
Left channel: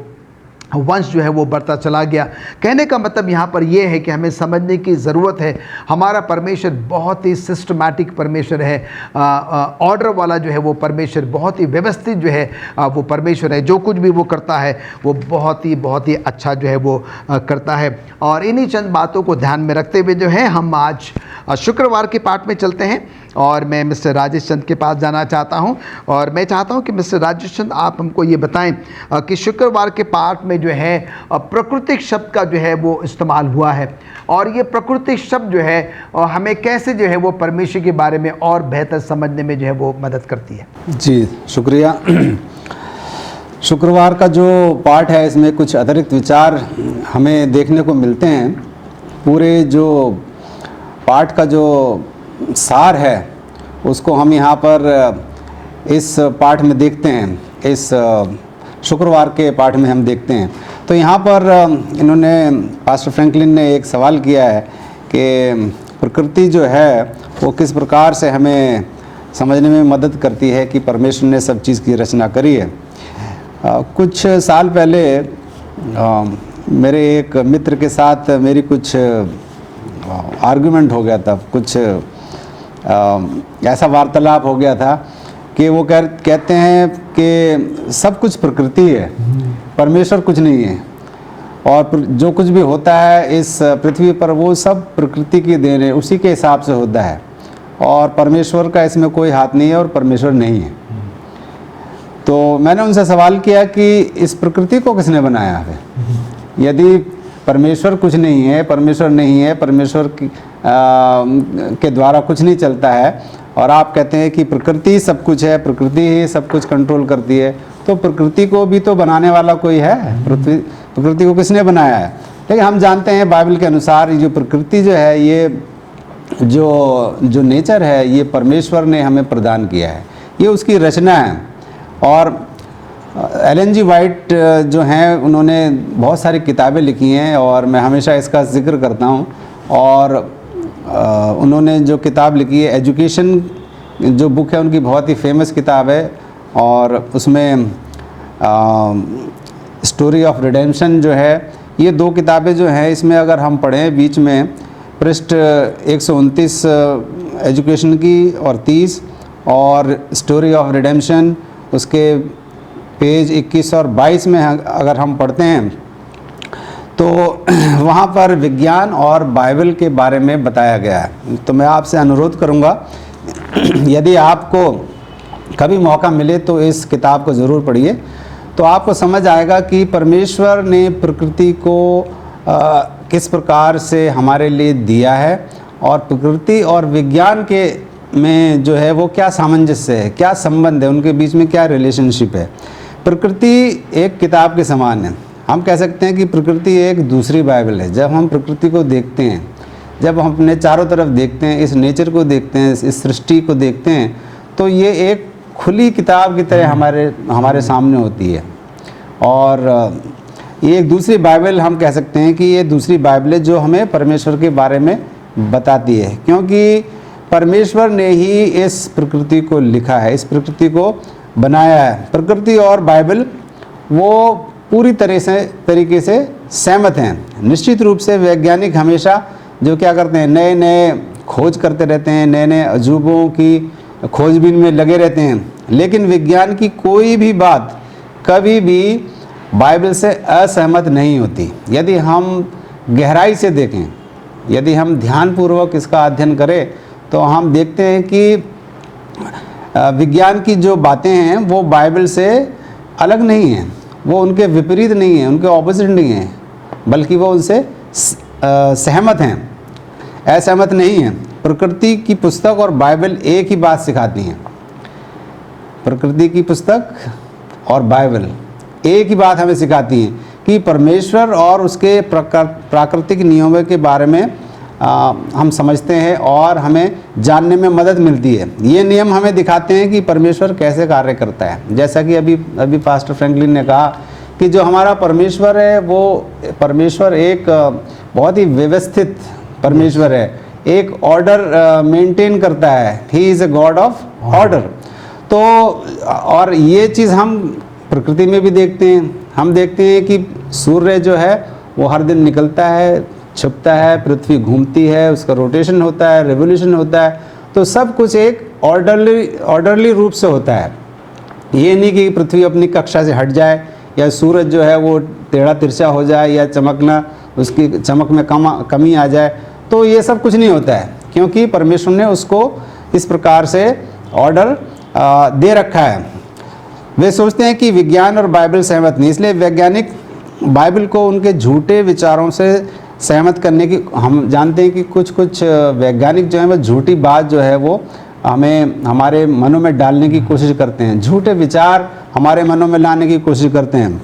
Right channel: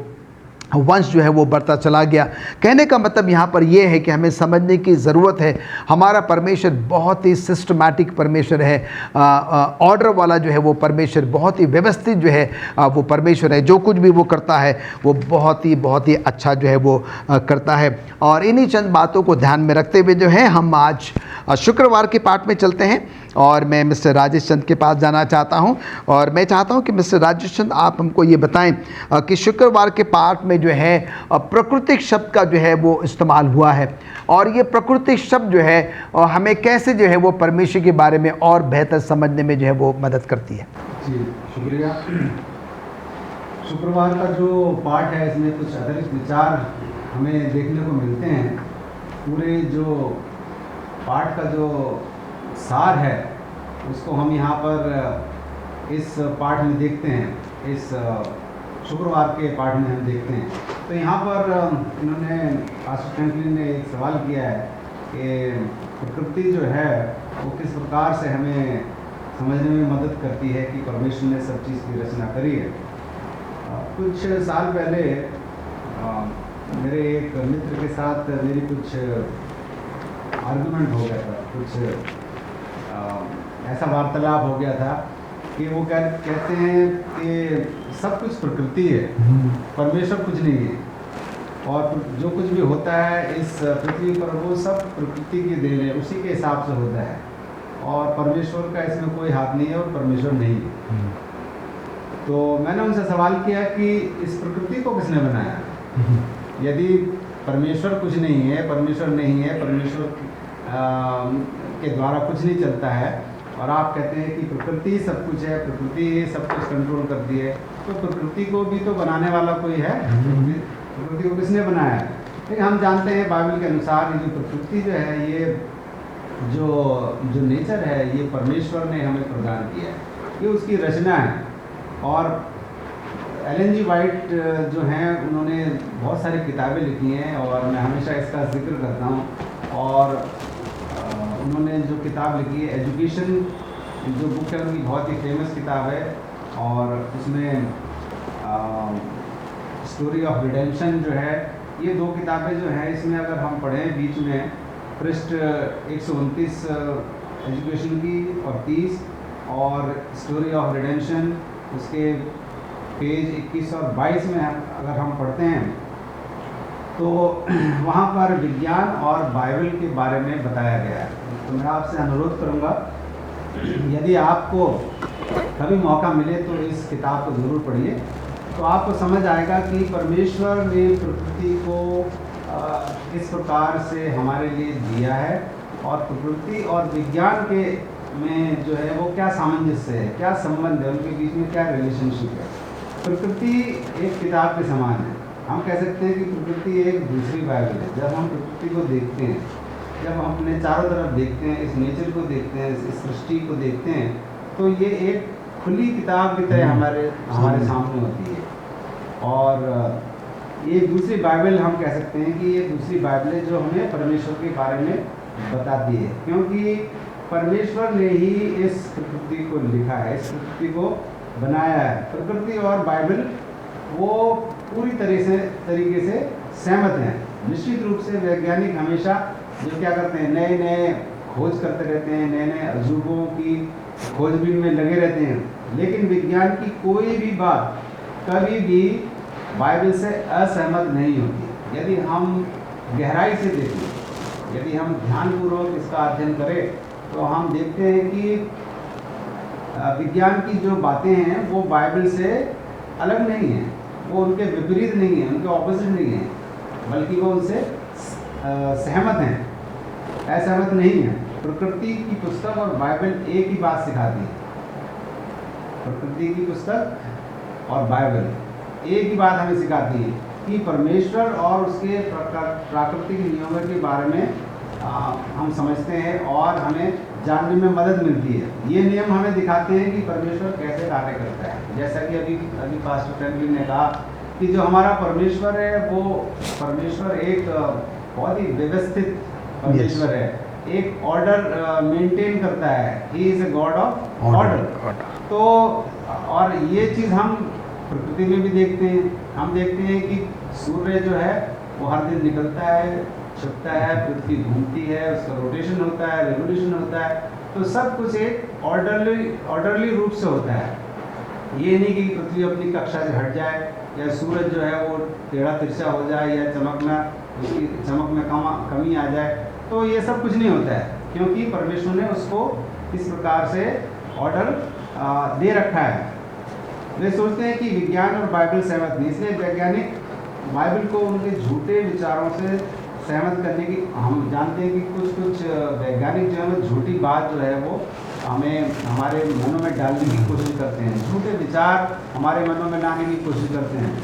वंश जो है वो बढ़ता चला गया। कहने का मतलब यहाँ पर यह है कि हमें समझने की ज़रूरत है हमारा परमेश्वर बहुत ही सिस्टमैटिक परमेश्वर है, ऑर्डर वाला जो है वो परमेश्वर, बहुत ही व्यवस्थित जो है वो परमेश्वर है। जो कुछ भी वो करता है वो बहुत ही अच्छा जो है वो करता है। और इन्हीं चंद बातों को ध्यान में रखते हुए जो है हम आज शुक्रवार के पाठ में चलते हैं और मैं मिस्टर राजेश चंद के पास जाना चाहता हूं और मैं चाहता हूं कि मिस्टर राजेश चंद आप हमको ये बताएं कि शुक्रवार के पाठ में जो है प्राकृतिक शब्द का जो है वो इस्तेमाल हुआ है और ये प्राकृतिक शब्द जो है हमें कैसे जो है वो परमेश्वर के बारे में और बेहतर समझने में जो है वो मदद करती है। जी शुक्रिया। शुक्रवार का जो पाठ है इसमें कुछ अतिरिक्त विचार हमें देखने को मिलते हैं। पूरे जो पाठ का जो सार है उसको हम यहाँ पर इस पाठ में देखते हैं, इस शुक्रवार के पाठ में हम देखते हैं। तो यहाँ पर इन्होंने, पास्टर फ्रैंकलिन ने एक सवाल किया है कि प्रकृति जो है वो किस प्रकार से हमें समझने में मदद करती है कि परमेश्वर ने सब चीज़ की रचना करी है। कुछ साल पहले मेरे एक मित्र के साथ मेरी कुछ आर्गुमेंट हो गया था, कुछ ऐसा वार्तालाप हो गया था कि वो कहते हैं कि सब कुछ प्रकृति है, परमेश्वर कुछ नहीं है, और जो कुछ भी होता है इस पृथ्वी पर वो सब प्रकृति की देन है, उसी के हिसाब से होता है, और परमेश्वर का इसमें कोई हाथ नहीं है और परमेश्वर नहीं है। तो मैंने उनसे सवाल किया कि इस प्रकृति को किसने बनाया है? यदि परमेश्वर कुछ नहीं है, परमेश्वर नहीं है, परमेश्वर के द्वारा कुछ नहीं चलता है, और आप कहते हैं कि प्रकृति सब कुछ है, प्रकृति ही सब कुछ कंट्रोल करती है, तो प्रकृति को भी तो बनाने वाला कोई है। प्रकृति को किसने बनाया है? लेकिन हम जानते हैं बाइबल के अनुसार ये जो प्रकृति जो है, ये जो नेचर है, ये परमेश्वर ने हमें प्रदान किया है, ये उसकी रचना है। और एलन जी वाइट जो हैं उन्होंने बहुत सारी किताबें लिखी हैं और मैं हमेशा इसका जिक्र करता हूँ। और उन्होंने जो किताब लिखी है एजुकेशन, जो बुक है उनकी बहुत ही फेमस किताब है, और उसमें स्टोरी ऑफ रिडेम्पशन जो है, ये दो किताबें जो हैं इसमें अगर हम पढ़ें बीच में पृष्ठ 129 एजुकेशन की और 30, और स्टोरी ऑफ रिडेम्पशन उसके पेज 21 और 22 में अगर हम पढ़ते हैं तो वहाँ पर विज्ञान और बाइबल के बारे में बताया गया है। तो मैं आपसे अनुरोध करूँगा यदि आपको कभी मौका मिले तो इस किताब को ज़रूर पढ़िए, तो आपको समझ आएगा कि परमेश्वर ने प्रकृति को किस प्रकार से हमारे लिए दिया है, और प्रकृति और विज्ञान के में जो है वो क्या सामंजस्य है, क्या संबंध है, उनके बीच में क्या रिलेशनशिप है। प्रकृति एक किताब के समान है। हम कह सकते हैं कि प्रकृति एक दूसरी बाइबल है। जब हम प्रकृति को देखते हैं, जब हम अपने चारों तरफ देखते हैं, इस नेचर को देखते हैं, इस सृष्टि को देखते हैं, तो ये एक खुली किताब की तरह हमारे सामने होती है। और ये एक दूसरी बाइबल हम कह सकते हैं कि ये दूसरी बाइबल है जो हमें परमेश्वर के बारे में बताती है, क्योंकि परमेश्वर ने ही इस प्रकृति को लिखा है, इस प्रकृति को बनाया है। प्रकृति और बाइबल वो पूरी तरीके से सहमत हैं। निश्चित रूप से वैज्ञानिक हमेशा जो क्या करते हैं, नए नए खोज करते रहते हैं, नए नए अजूबों की खोजबीन में लगे रहते हैं, लेकिन विज्ञान की कोई भी बात कभी भी बाइबल से असहमत नहीं होती। यदि हम गहराई से देखें, यदि हम ध्यानपूर्वक इसका अध्ययन करें, तो हम देखते हैं कि विज्ञान की जो बातें हैं वो बाइबल से अलग नहीं हैं, वो उनके विपरीत नहीं हैं, उनके ऑपोजिट नहीं हैं, बल्कि वो उनसे सहमत हैं, असहमत नहीं हैं। प्रकृति की पुस्तक और बाइबल एक ही बात सिखाती हैं। प्रकृति की पुस्तक और बाइबल एक ही बात हमें सिखाती है कि परमेश्वर और उसके प्राकृतिक नियमों के बारे में हम समझते हैं और हमें जानने में मदद मिलती है। ये नियम हमें दिखाते हैं कि परमेश्वर कैसे कार्य करता है। जैसा कि अभी पास्टर फ्रैंकलिन ने कहा कि जो हमारा परमेश्वर है वो परमेश्वर एक बहुत ही व्यवस्थित परमेश्वर है, एक ऑर्डर मेंटेन करता है। He is a God of order. तो और ये चीज़ हम प्रकृति में भी देखते हैं। हम देखते हैं कि सूर्य जो है वो हर दिन निकलता है, छुपता है, पृथ्वी घूमती है, उसका रोटेशन होता है, रेवोल्यूशन होता है। तो सब कुछ एक ऑर्डरली रूप से होता है। ये नहीं कि पृथ्वी अपनी कक्षा से हट जाए या सूरज जो है वो टेढ़ा तिरछा हो जाए या चमकना, उसकी चमक में कमी आ जाए। तो ये सब कुछ नहीं होता है, क्योंकि परमेश्वर ने उसको इस प्रकार से ऑर्डर दे रखा है। वे सोचते हैं कि विज्ञान और बाइबल सहमत नहीं, इसलिए वैज्ञानिक बाइबल को उनके झूठे विचारों से सहमत करने की, हम जानते हैं कि कुछ वैज्ञानिक जो है वो झूठी बात जो है वो हमें हमारे मनों में डालने की कोशिश करते हैं, झूठे विचार हमारे मनों में लाने की कोशिश करते हैं,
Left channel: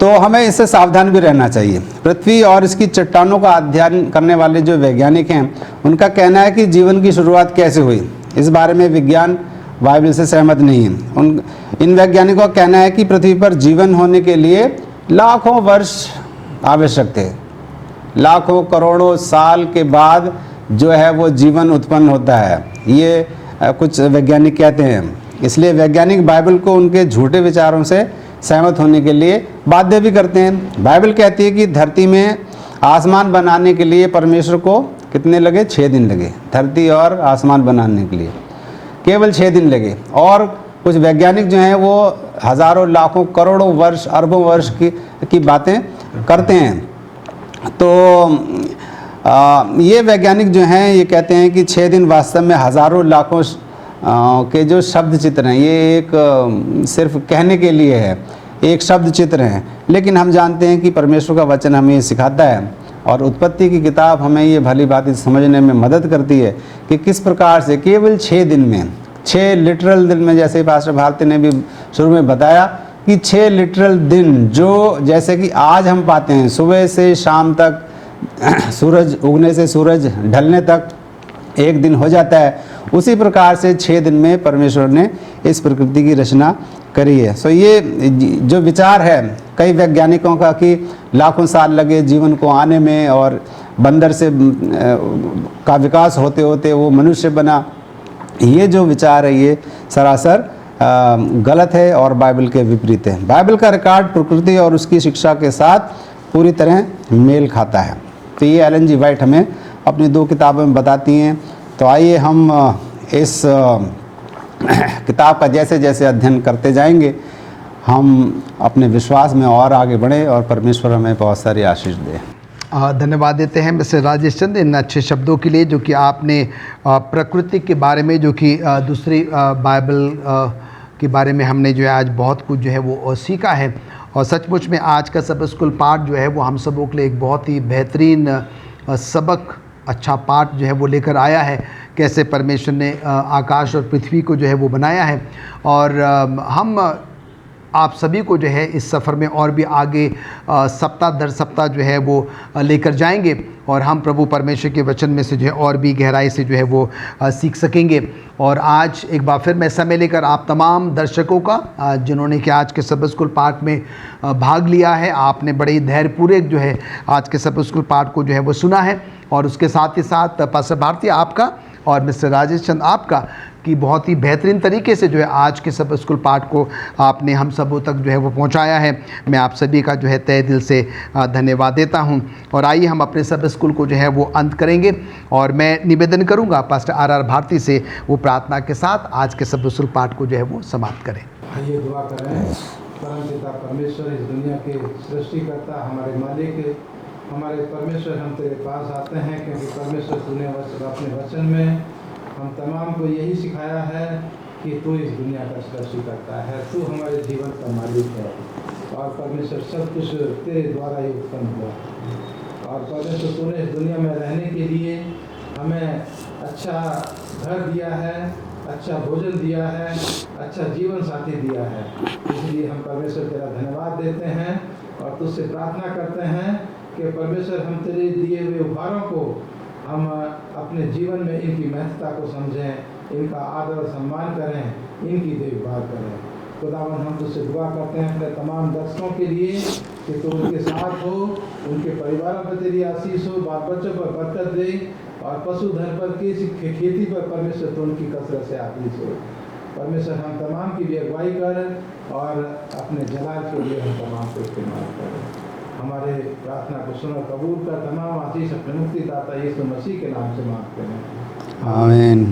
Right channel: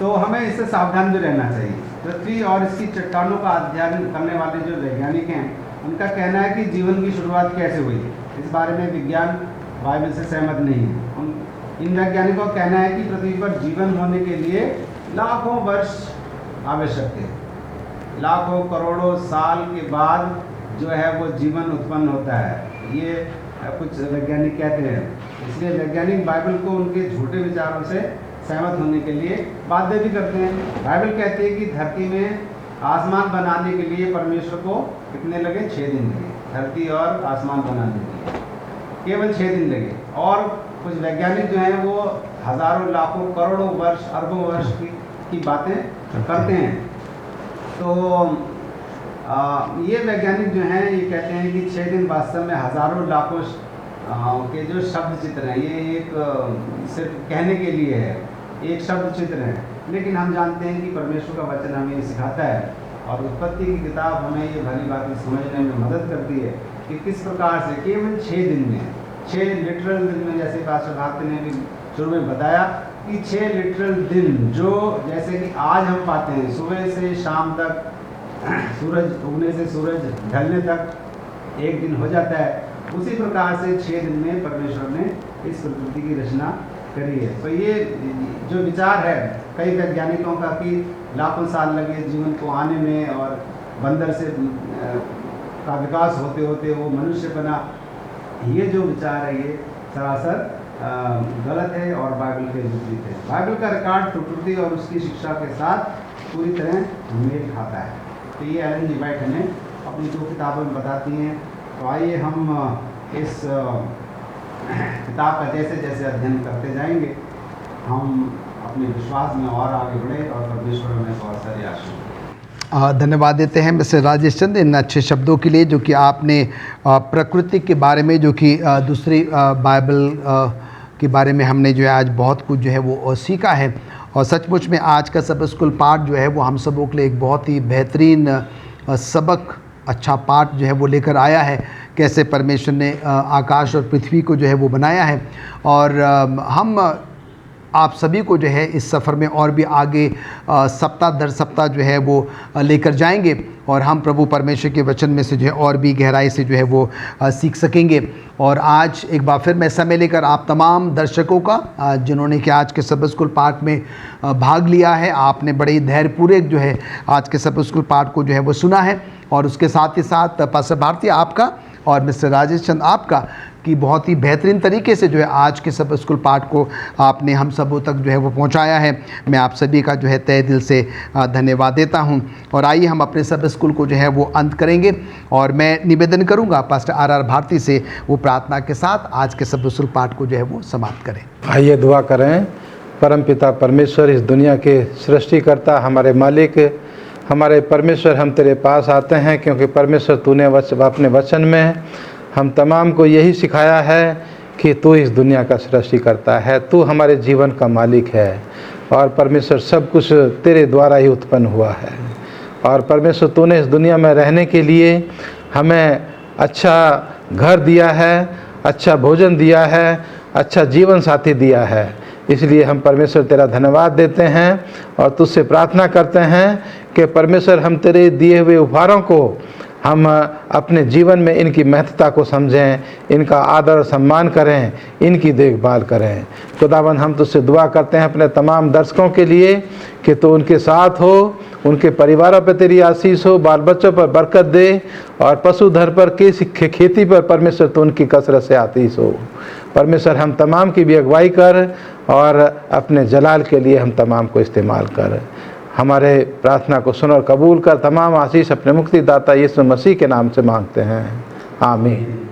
तो हमें इससे सावधान भी रहना चाहिए। पृथ्वी और इसकी चट्टानों का अध्ययन करने वाले जो वैज्ञानिक हैं, उनका कहना है कि जीवन की शुरुआत कैसे हुई, इस बारे में विज्ञान बाइबल से सहमत नहीं है। इन वैज्ञानिकों का कहना है कि पृथ्वी पर जीवन होने के लिए लाखों वर्ष आवश्यक थे, लाखों करोड़ों साल के बाद जो है वो जीवन उत्पन्न होता है, ये कुछ वैज्ञानिक कहते हैं। इसलिए वैज्ञानिक बाइबल को उनके झूठे विचारों से सहमत होने के लिए बाध्य भी करते हैं। बाइबल कहती है कि धरती में आसमान बनाने के लिए परमेश्वर को कितने लगे? 6 दिन लगे। धरती और आसमान बनाने के लिए केवल 6 दिन लगे। और कुछ वैज्ञानिक जो हैं वो हज़ारों लाखों करोड़ों वर्ष अरबों वर्ष की बातें करते हैं। तो ये वैज्ञानिक जो हैं ये कहते हैं कि 6 दिन वास्तव में हज़ारों लाखों के जो शब्द चित्र हैं, ये एक सिर्फ कहने के लिए है, एक शब्द चित्र हैं। लेकिन हम जानते हैं कि परमेश्वर का वचन हमें ये सिखाता है, और उत्पत्ति की किताब हमें ये भली बात समझने में मदद करती है कि किस प्रकार से केवल 6 दिन में, 6 लिटरल दिन में, जैसे पास्टर भारती ने भी शुरू में बताया कि 6 लिटरल दिन, जो जैसे कि आज हम पाते हैं सुबह से शाम तक, सूरज उगने से सूरज ढलने तक एक दिन हो जाता है, उसी प्रकार से 6 दिन में परमेश्वर ने इस प्रकृति की रचना करी है। सो ये जो विचार है कई वैज्ञानिकों का कि लाखों साल लगे जीवन को आने में, और बंदर से का विकास होते होते वो मनुष्य बना, ये जो विचार है ये सरासर गलत है और बाइबल के विपरीत है। बाइबल का रिकॉर्ड प्रकृति और उसकी शिक्षा के साथ पूरी तरह मेल खाता है। तो ये एलन जी वाइट हमें अपनी 2 किताबों में बताती हैं। तो आइए हम इस किताब का जैसे जैसे अध्ययन करते जाएंगे, हम अपने विश्वास में और आगे बढ़ें और परमेश्वर हमें बहुत सारी आशीष दे। धन्यवाद देते हैं मिस्टर राजेश चंद इन अच्छे शब्दों के लिए, जो कि आपने प्रकृति के बारे में, जो कि दूसरी बाइबल के बारे में हमने जो है आज बहुत कुछ जो है वो सीखा है। और सचमुच में आज का सब स्कूल पाठ जो है वो हम सबों के लिए एक बहुत ही बेहतरीन सबक, अच्छा पाठ जो है वो लेकर आया है, कैसे परमेश्वर ने आकाश और पृथ्वी को जो है वो बनाया है। और हम आप सभी को जो है इस सफ़र में और भी आगे सप्ताह दर सप्ताह जो है वो लेकर जाएंगे, और हम प्रभु परमेश्वर के वचन में से जो है और भी गहराई से जो है वो सीख सकेंगे। और आज एक बार फिर मैं समय लेकर आप तमाम दर्शकों का, जिन्होंने कि आज के सब स्कूल पाठ में भाग लिया है, आपने बड़े धैर्यपूर्वक जो है आज के सब स्कूल पाठ को जो है वो सुना है। और उसके साथ ही साथ पास्टर भारती आपका और मिस्टर राजेश चंद आपका कि बहुत ही बेहतरीन तरीके से जो है आज के सब स्कूल पाठ को आपने हम सबों तक जो है वो पहुंचाया है। मैं आप सभी का जो है तहे दिल से धन्यवाद देता हूं। और आइए हम अपने सब स्कूल को जो है वो अंत करेंगे, और मैं निवेदन करूंगा पास्टर आर भारती से वो प्रार्थना के साथ आज के सब स्कूल पाठ को जो है वो समाप्त करें। आइए दुआ करें। परमपिता परमेश्वर, इस दुनिया के सृष्टिकर्ता, हमारे मालिक, हमारे परमेश्वर, हम तेरे पास आते हैं क्योंकि परमेश्वर तूने अपने वचन में हम तमाम को यही सिखाया है कि तू इस दुनिया का सृष्टिकर्ता है, तू हमारे जीवन का मालिक है, और परमेश्वर सब कुछ तेरे द्वारा ही उत्पन्न हुआ है। और परमेश्वर तूने इस दुनिया में रहने के लिए हमें अच्छा घर दिया है, अच्छा भोजन दिया है, अच्छा जीवन साथी दिया है। इसलिए हम परमेश्वर तेरा धन्यवाद देते हैं और तुझसे प्रार्थना करते हैं कि परमेश्वर हम तेरे दिए हुए उपहारों को हम अपने जीवन में इनकी महत्ता को समझें, इनका आदर और सम्मान करें, इनकी देखभाल करें। खुदावंद, हम तुझसे दुआ करते हैं अपने तमाम दर्शकों के लिए कि तू उनके साथ हो, उनके परिवारों पर तेरी आशीष हो, बाल बच्चों पर बरकत दे, और पशुधन पर खेती पर परमेश्वर तो उनकी कसरत से आशीष हो। परमेश्वर हम तमाम की भी अगुवाई कर और अपने जलाल के लिए हम तमाम को इस्तेमाल कर। हमारे प्रार्थना को सुन और कबूल कर। तमाम आशीष अपने मुक्तिदाता यीशु मसीह के नाम से मांगते हैं, आमीन।